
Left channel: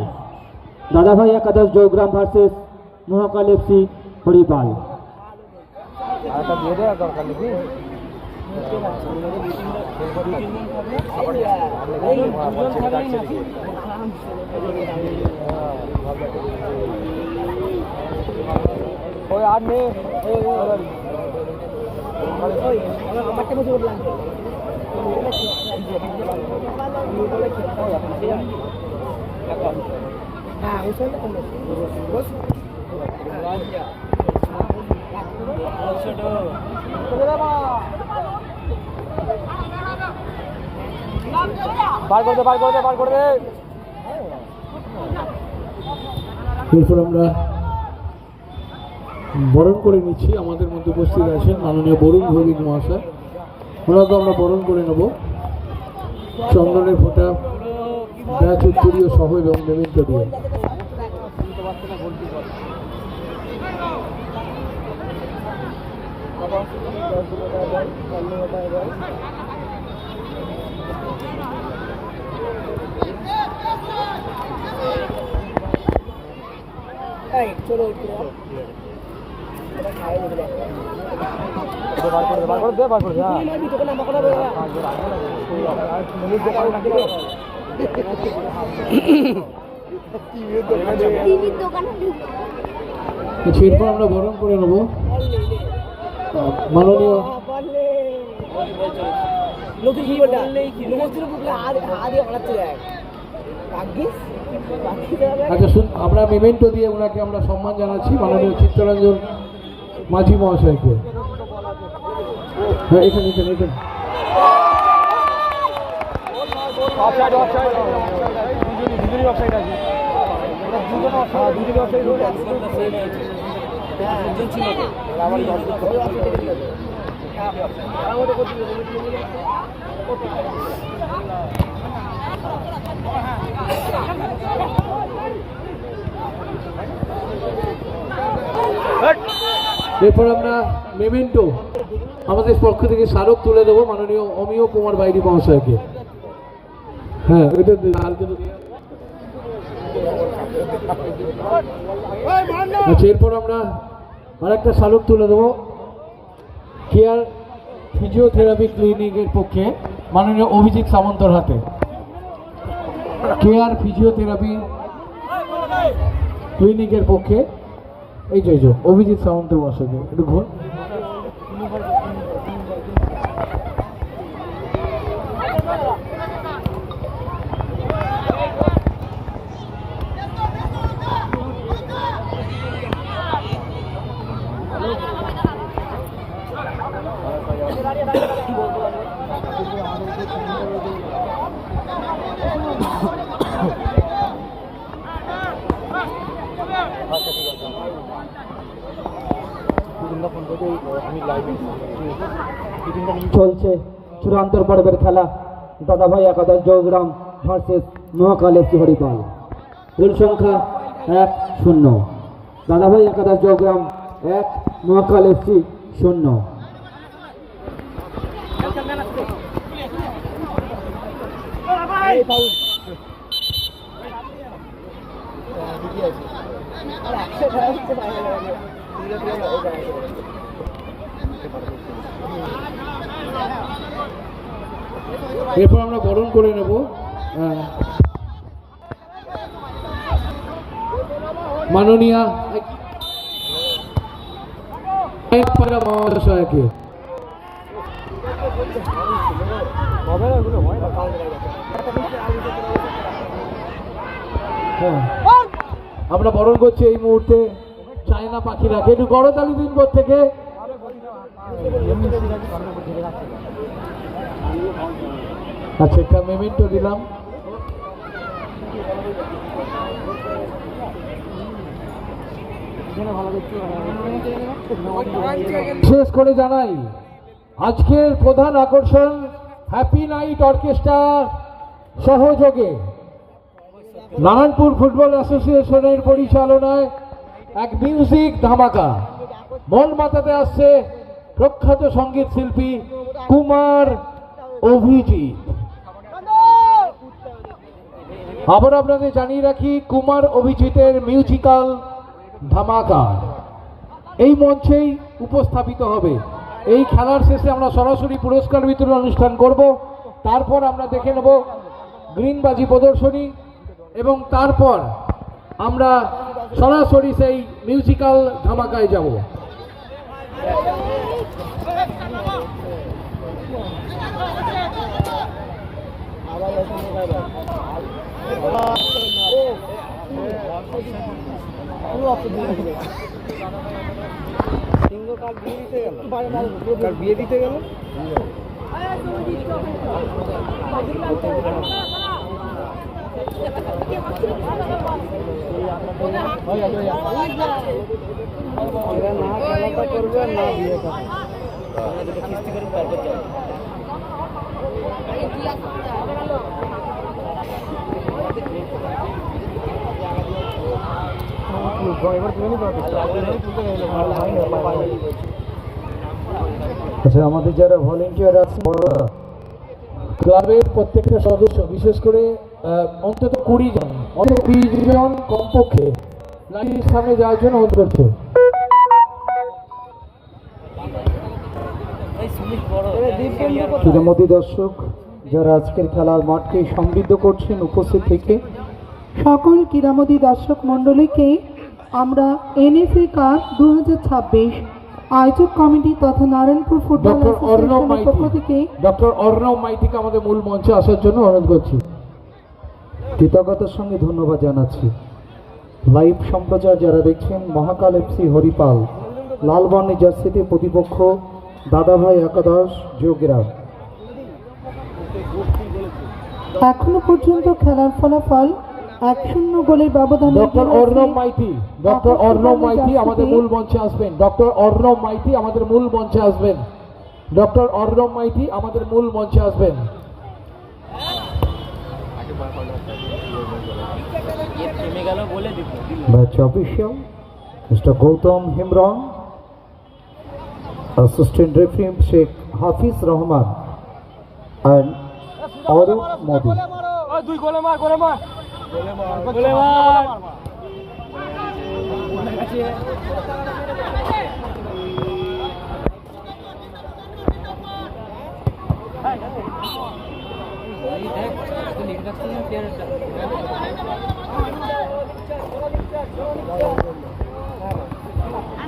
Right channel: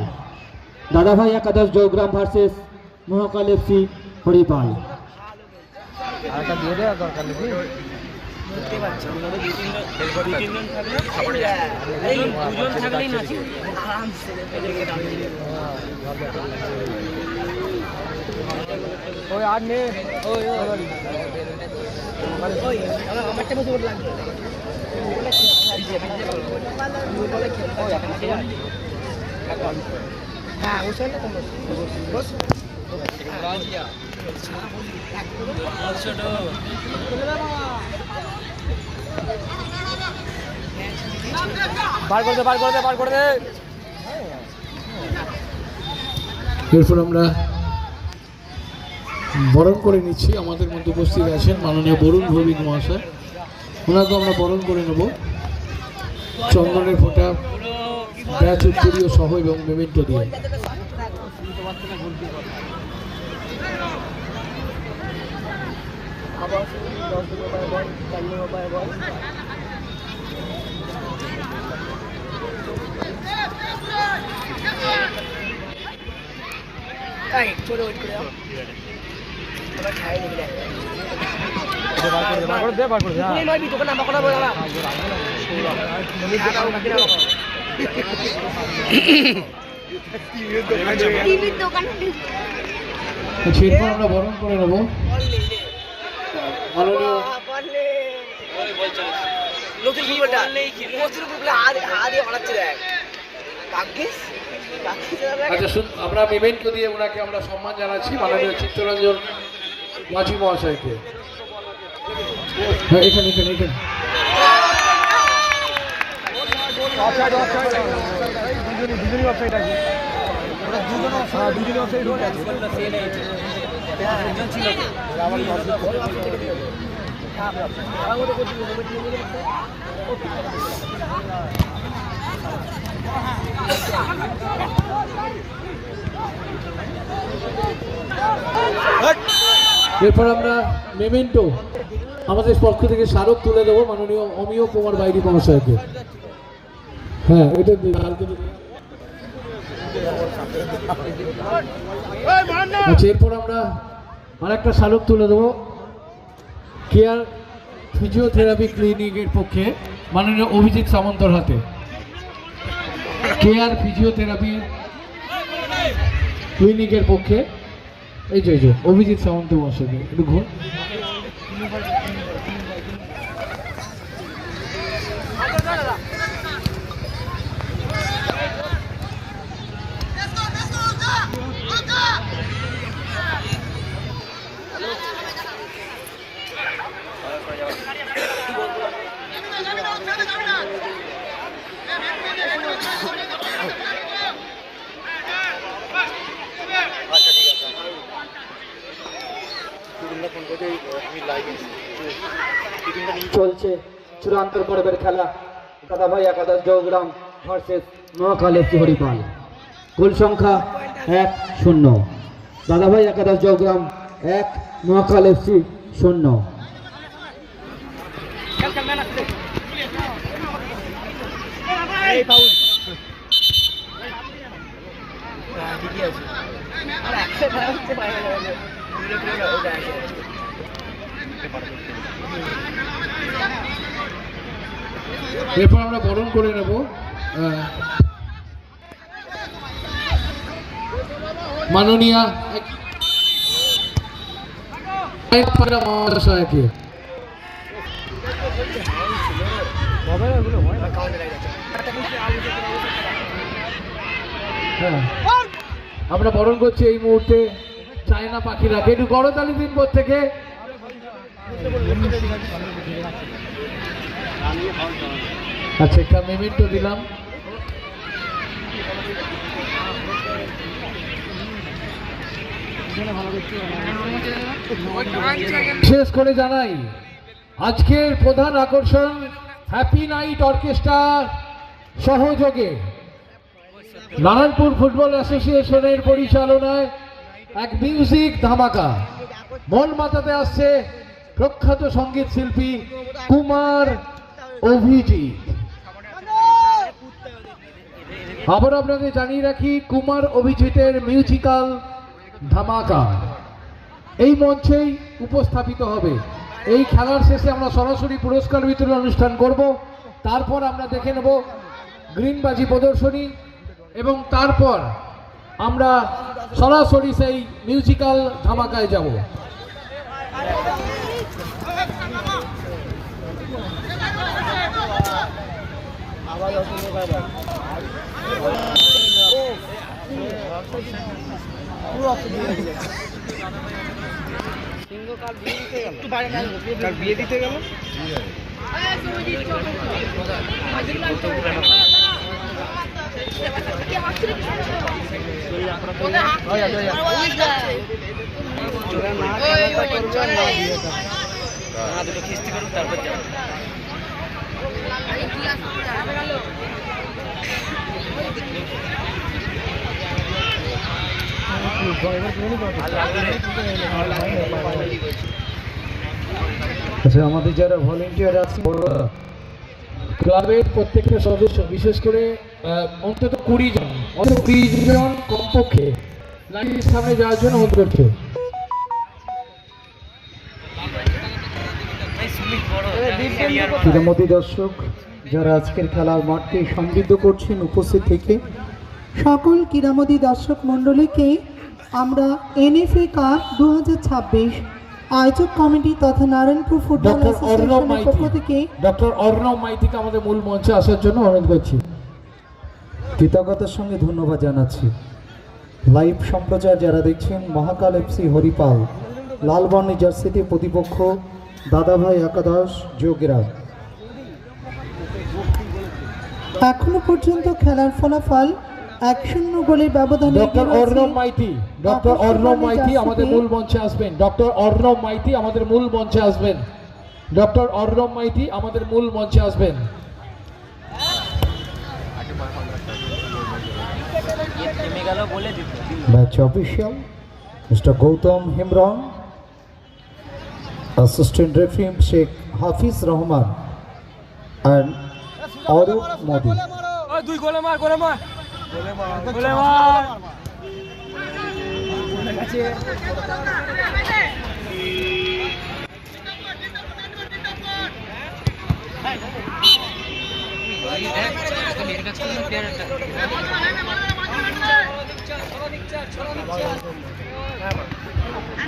দাদাভাই একাদশ জয়গ্রাম ভার্সেস মহাকাল এফসি হরিপাল। এরপর আমরা বরণ করে নিচ্ছি। আমাদের মধ্যে উপস্থিত আছেন মাননীয় বরুণ ভৌমিক মহাশয়, ওনাকে আমরা বরণ করে নেব চন্দনের ফোঁটা, ব্যাচ উত্তরীয় সহ এবং মেমেন্টো দিয়ে। টিভির দোকানে এরপর আমরা বরণ করে নেব মাননীয় নতুন ফুটবলটা নতুন ফুটবল হাতে বাড়াচ্ছে দেখ ভাগ্যিস আচ্ছা আমরা মেমেন্টো দিয়ে ওনাকে আমরা সম্মান জানাচ্ছি মাননীয় চিত্তরঞ্জন মাঝি মহাশয়কে। হ্যাঁ, এখানে এখানে এখানে এরপর আমরা মেমেন্টো আমাদের পক্ষ থেকে স্মারক তুলে দেবো মাননীয় অমিয় কুমার বাইরি মহাশয়কে। হ্যাঁ, এটা আচ্ছা, এরপর আমরা আরেকটা স্মারক তুলে দেবো কেয়ার ফিজিওথেরাপি ক্লিনিকের পক্ষে মাননীয় অভিজিৎ সামন্তর হাতে। কেয়ার ফিজিওথেরাপি ক্লিনিকের পক্ষে এই যে অভিজিৎ সামন্ত মহাশয়কে একটু ঘুর। চলছে চূড়ান্ত পর্বের খেলা দাদাভাই একাদশ জয়গ্রাম ভার্সেস মহাকাল এফসি হরিপাল। গোল সংখ্যা 1-0। দাদাভাই একাদশ জয়গ্রাম 1, মহাকাল এফসি 0। এরপর আমরা বরণ করে নেব মাননীয়া মহাশয়কে। হ্যাঁ, আমরা বরণ করছি এই মুহূর্তে চায়না পাখিরাকে। একটু গড়তালি দিন থেকে। আচ্ছা, একটা মেমেন্টো দিলাম। শেষ করে জানাই আজকের প্রধান আকর্ষণ হ্যাপি নাইট অর্কেস্ট্রা সহযোগে নারায়ণপুর ফুটবল অ্যাসোসিয়েশনের পরিচালনায় এক মিউজিক ধামাকা। মন মাতাতে আসছে প্রখ্যাত সঙ্গীত শিল্পী কুমার অভিজিৎ। আবার আপনাদের জানিয়ে রাখি কুমার অভিজিতের মিউজিক্যাল ধামাকা এই মঞ্চেই উপস্থাপিত হবে। এই খেলার শেষে আমরা সরাসরি পুরস্কার বিতরণ অনুষ্ঠান করব। তারপর আমরা দেখে নেব গ্রিনবাজি প্রদর্শনী এবং তারপর আমরা সরাসরি সেই মিউজিক্যাল ধামাকায় যাব। বিয়ে দিতে গেল দুটো কিস্তি করুন তারপর যাবো। আচ্ছা, আমাদের যারা ভলেন্টিয়ার আছে ক্লাবের প্রত্যেকটা সদস্য, বিশেষ করে অন্তত 20 জন, অন্তত 20 জন কমপক্ষে লাইনের সামনে যাওয়ার জন্য অনুরোধ করছে। ক্রীড়ামোদী দর্শক যারা আজকের খেলার মাঠকে সমৃদ্ধ করছেন উপস্থিত থেকে, সকল ক্রীড়ামোদী দর্শক মণ্ডলীকে আমরা এনএফএ কাপ 2026 আয়োজক কমিটি তথা নারায়ণপুর ফুটবল ডক্টর অর্ণব অ্যাসোসিয়েশনের পক্ষ মাইতি, থেকে ডক্টর অর্ণব মাইতিকে আমাদের মূল মঞ্চে আসার জন্য অনুরোধ করছি। কৃতজ্ঞতার সঙ্গে ধন্যবাদ জানাচ্ছি। লাইভ সম্প্রচার যারা দেখছেন, মহাকাল এফসি হরিপাল লাল বর্ণের জার্সিতে প্রতিপক্ষ দাদাভাই একাদশ যোগগ্রাম। এখনো পর্যন্ত খেলার ফলাফল 1-0 গোলের ব্যবধানে ডক্টর এগিয়ে অর্ণব রয়েছে মাইতি, ডক্টর অর্ণব মাইতি আমাদের মূল মঞ্চে আসবেন। ডক্টর অর্ণব মাইতি আমাদের মূল মঞ্চে আসবেন। ডক্টর অর্ণব মাইতি আমাদের মূল মঞ্চে আসবেন। Match official Mr. Gautam Himran, assistant referee Sheikh Hafiz Rahman and Arup Modi.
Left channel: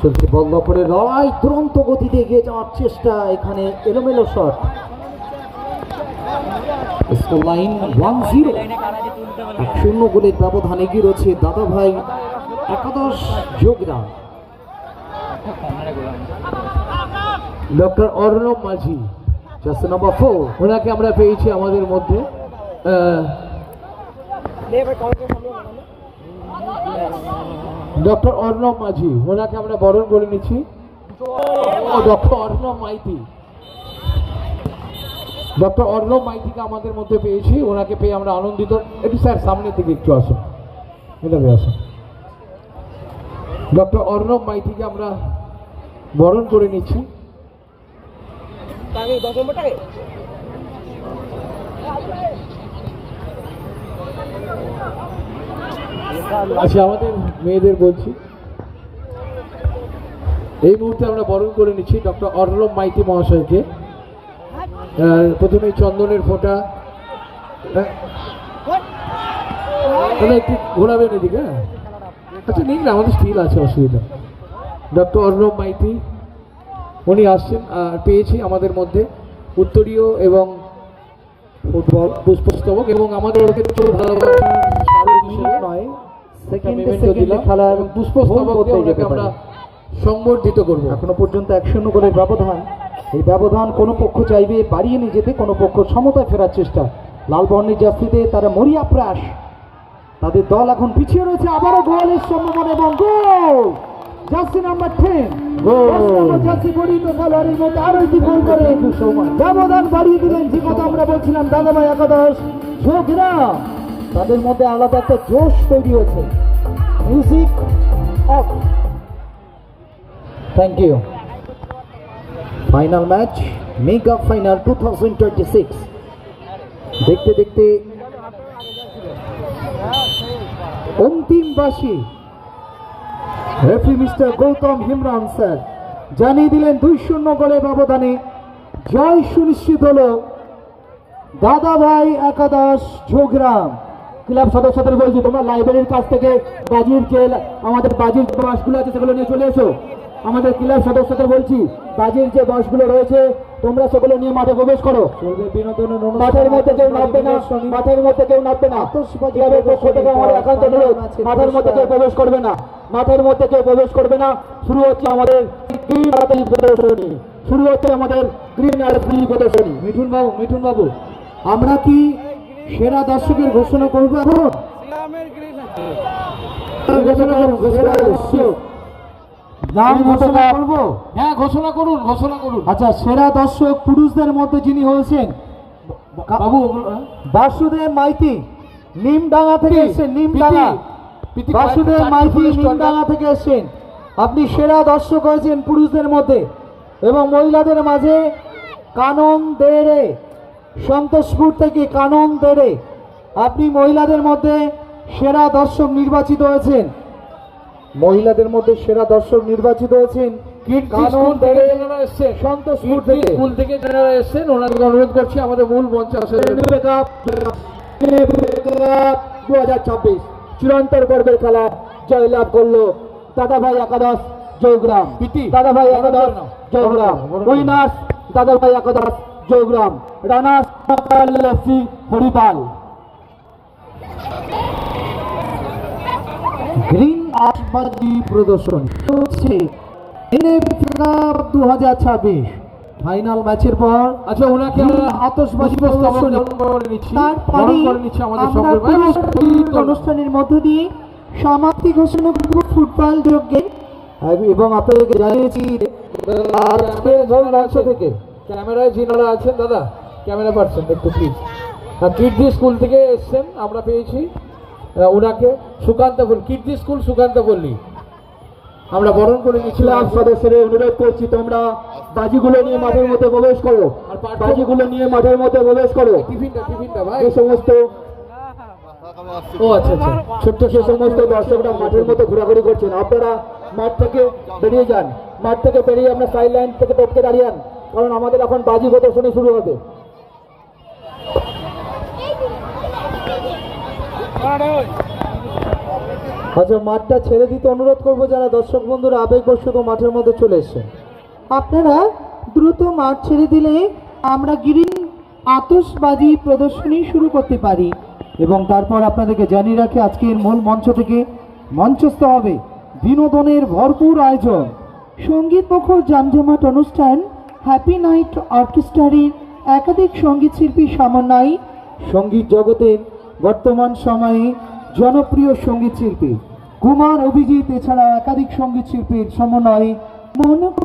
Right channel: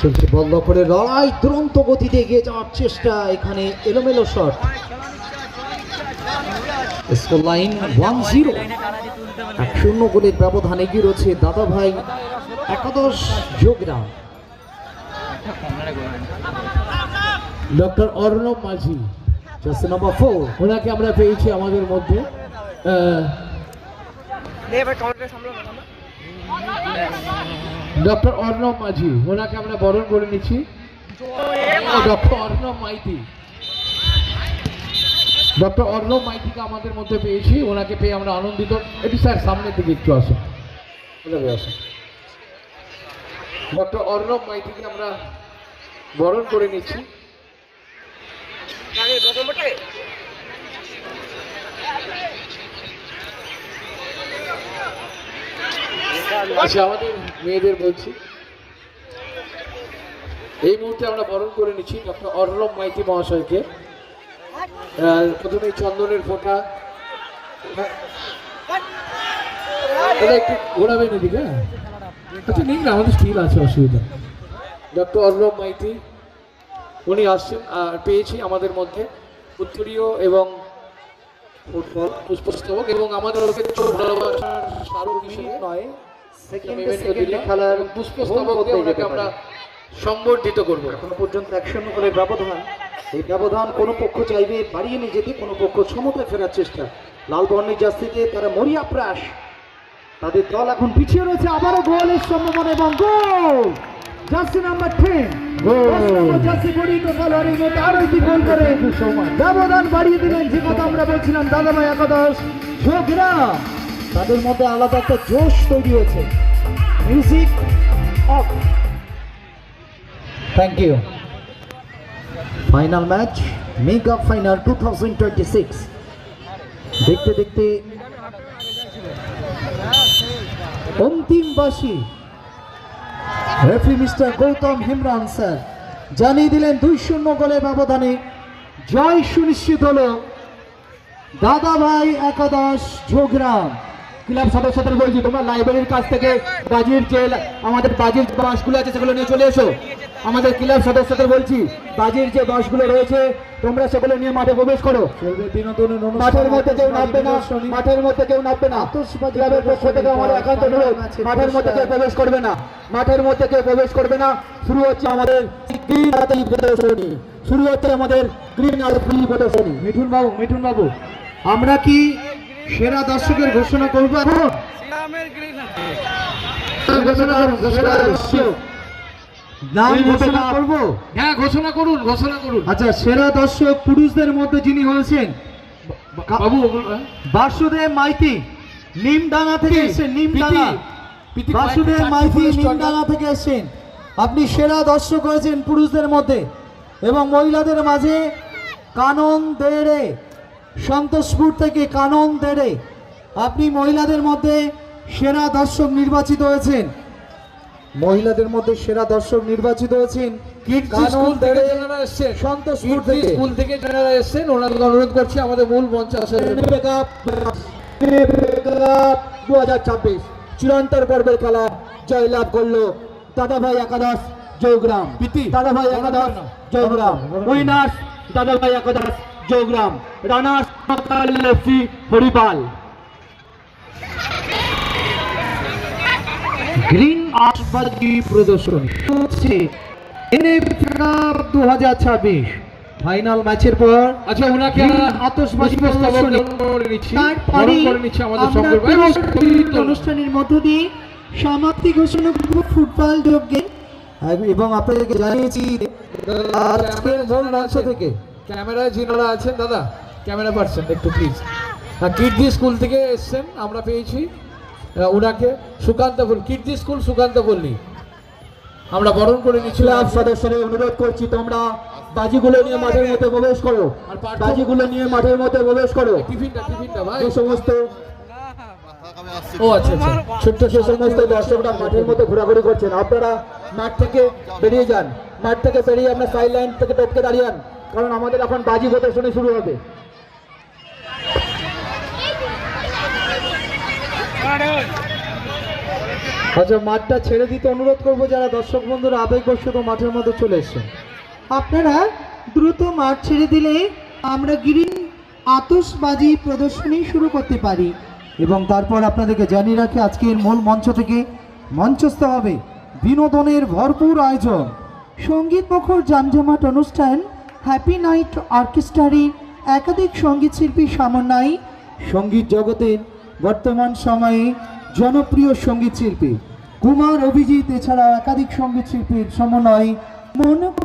চলছে বল করে লড়াই, দুরন্ত গতিতে এগিয়ে যাওয়ার চেষ্টা, এখানে এলোমেলো শট। স্কোর লাইন 1-0, 1-0 গোলের ব্যবধান এগিয়ে রয়েছে দাদাভাই একাদশ যোগগ্রাম। ডক্টর অর্ণব মাঝি, জার্সি নাম্বার 4, ওনাকে আমরা পেয়েছি আমাদের মধ্যে। ডক্টর অর্ণব মাঝি, ওনাকে আমরা বরণ করে নিচ্ছি। ডক্টর অর্ণব মাইতি, ডক্টর অর্ণব মাইতিকে আমাদের মধ্যে পেয়েছি, ওনাকে পেয়ে আমরা আনন্দিত। এটি স্যার সামনের দিকে একটু আসুন, ওটাকে আসুন। ডক্টর অর্ণব মাইতিকে আমরা বরণ করে নিচ্ছি। আচ্ছা, আমাদের মেয়েদের বলছি, এই মুহূর্তে আমরা বরণ করে নিচ্ছি ডক্টর অর্ণব মাইতি মহাশয়কে। প্রথমে চন্দনের ফোঁটা, একটু ঘোরাবেন এদিকে। আচ্ছা, নিন না, আমাদের স্টিল আছে, অসুবিধা। ডক্টর অর্ণব মাইতি উনি আসছেন, আর পেয়েছি আমাদের মধ্যে উত্তরীয় এবং ফুটবল পুষ্পস্তবক এবং আমাদের খেলার পুষ্পস্তবক আমরা সংবর্ধিত করবো। এখনো পর্যন্ত 1-0 গোলের ব্যবধান। এই ব্যবধান কোনো পক্ষ চাইবে বাড়িয়ে নিয়ে যেতে, কোনো পক্ষ সমতায় ফেরার চেষ্টা। লাল বর্ণের জার্সিতে তারা মরিয়া প্রাস, তাদের দল এখন পিছিয়ে রয়েছে। আবারও গোলের সম্ভাবনা এবং গোল। জার্সি নাম্বার 10 জার্সি পরিহিত খেলোয়াড়ের মধ্যে আরো একটি গোল করে ব্যবধান বাড়িয়ে দিলেন। যে কথা আমরা বলছিলাম, দাদাভাই একাদশ যোগগ্রাম, তাদের মধ্যে আলাদা একটা জোশ তৈরি হয়েছে। Music off. Thank you. Final match, mega final 2026। দেখতে দেখতে অন্তিম বাসী referee mister Gautam Himran sir জানিয়ে দিলেন 2-0 গোলের ব্যবধানে জয় সুনিশ্চিত হলো দাদাভাই একাদশ যোগগ্রাম। ক্লাব সদস্যদের বলছি, তোমরা লাইব্রেরির কাছ থেকে বাজির যে আমাদের বাজির বাসগুলো আছে সেগুলো নিয়ে চলে এসো। আমাদের ক্লাব সদস্যদের বলছি, বাজির যে বাসগুলো রয়েছে তোমরা সেগুলো নিয়ে মাঠে প্রবেশ করো। বিনোদনের অনুষ্ঠান, মাঠের মধ্যে কেউ নামবে না, মাঠের মধ্যে কেউ নামবে না। ক্লাবের পক্ষ থেকে আমার একান্ত অনুরোধ, মাঠের মধ্যে কেউ প্রবেশ করবে না, মাঠের মধ্যে কেউ প্রবেশ করবে না। শুরু হচ্ছে আমাদের গ্রিন আরতি প্রদর্শনী, শুরু হচ্ছে আমাদের গ্রিন আরতি প্রদর্শনী। মিঠুন বাবু আমরা কি সেরা দর্শকের ঘোষণা করবো এখন? ঘোষণা করুন, ঘোষণা করুন। নাম ঘোষণা করবো? হ্যাঁ, ঘোষণা করুন, ঘোষণা করুন। আচ্ছা, সেরা দর্শক পুরুষদের মধ্যে যিনি হয়েছেন বাবু ওগুলো, হ্যাঁ? বাসুদেব মাইতি, নিমডাঙ্গা থেকে এসেছেন। নিমডাঙ্গা, পিতি বাসুদেব কয়েকটা মাইতি চারটি পুরস্কার। নিমডাঙ্গা থেকে এসেছেন। আপনি সেরা দর্শক হয়েছেন পুরুষদের মধ্যে। এবং মহিলাদের মাঝে কানন দেড়ে, সন্তোষপুর থেকে কানন দেড়ে, আপনি মহিলাদের মধ্যে সেরা দর্শক নির্বাচিত হয়েছেন। মহিলাদের মধ্যে সেরা দর্শক নির্বাচিত হয়েছেন কিডজি কানন স্কুল থেকে দেড়ে, যারা এসেছেন, সন্তোষপুর কিডজি থেকে। স্কুল থেকে যারা এসেছেন ওনাদের অনুরোধ করছি আমাদের মূল মঞ্চে আসার জন্য। 2026 চূড়ান্তর পর্বের খেলা জয়লাভ করলো দাদাভাই একাদশ জয়গ্রাম। দাদাভাই Ekadash Joygram winners, Dadabhai Ekadash Joygram. Runners FC Haripal. Green আতশবাজি প্রদর্শনী হচ্ছে এনএফসি কাপ 2026 ফাইনাল ম্যাচের পর। আচ্ছা, ওনাকে গ্রিন আমরা আতশবাজি পুষ্পস্তবক প্রদর্শনী গ্রহণ করে নিচ্ছি, তারপরে গ্রহণ করে নিচ্ছি আমাদের আমরা সকল ভাই। পুরস্কার অনুষ্ঠানের মধ্য দিয়ে সমাপ্তি ঘোষণা করব ফুটবল যজ্ঞে। এবং আপনাদেরকে জানিয়েছি আজকের মূল মঞ্চ থেকে ক্যামেরায় যিনারা আছেন, দাদা ক্যামেরা পার্সন একটু প্লিজ। কিডজি স্কুল থেকে এসছেন, আমরা পেয়েছি ওনাকে সুকান্ত পল্লী, কিডজি স্কুল সুকান্ত পল্লী, আমরা বরণ করে নিচ্ছিলাম। ক্লাব সদস্যদের অনুরোধ করছি তোমরা বাজিগুলো নিয়ে মাঠের মধ্যে প্রবেশ করো, আর বাজিগুলো নিয়ে মাঠের মধ্যে প্রবেশ করো। টিফিনটা ভাই। এই সমস্ত ও আচ্ছা আচ্ছা, ছোট্ট সে সমস্ত দর্শকরা মাঠের মধ্যে ঘোরাঘুরি করছেন, আপনারা মাঠ থেকে বেরিয়ে যান। মাঠ থেকে বেরিয়ে আপনার সাইড লাইন থেকে টপকে দাঁড়িয়ে যান, কারণ আমাদের এখন বাজি প্রদর্শনী শুরু হবে। আচ্ছা, মাঠটা ছেড়ে দিতে অনুরোধ করবো যারা দর্শক বন্ধুরা আবেগবশত মাঠের মধ্যে চলে এসেছেন। আপনারা দ্রুত মাঠ ছেড়ে দিলে আমরা গ্রিন আতশবাজি প্রদর্শনী শুরু করতে পারি। এবং তারপর আপনাদেরকে জানিয়ে রাখি আজকের মূল মঞ্চ থেকে মঞ্চস্থ হবে বিনোদনের ভরপুর আয়োজন। সঙ্গীত মুখর জমজমাট অনুষ্ঠান হ্যাপি নাইট অর্কেস্ট্রার একাধিক সঙ্গীত শিল্পী সমন্বয়ে সঙ্গীত জগতের বর্তমান সময়ে জনপ্রিয় সঙ্গীত শিল্পী কুমার অভিজিৎ এছাড়া একাধিক সঙ্গীত শিল্পীর সমন্বয়ে মনোজ্ঞ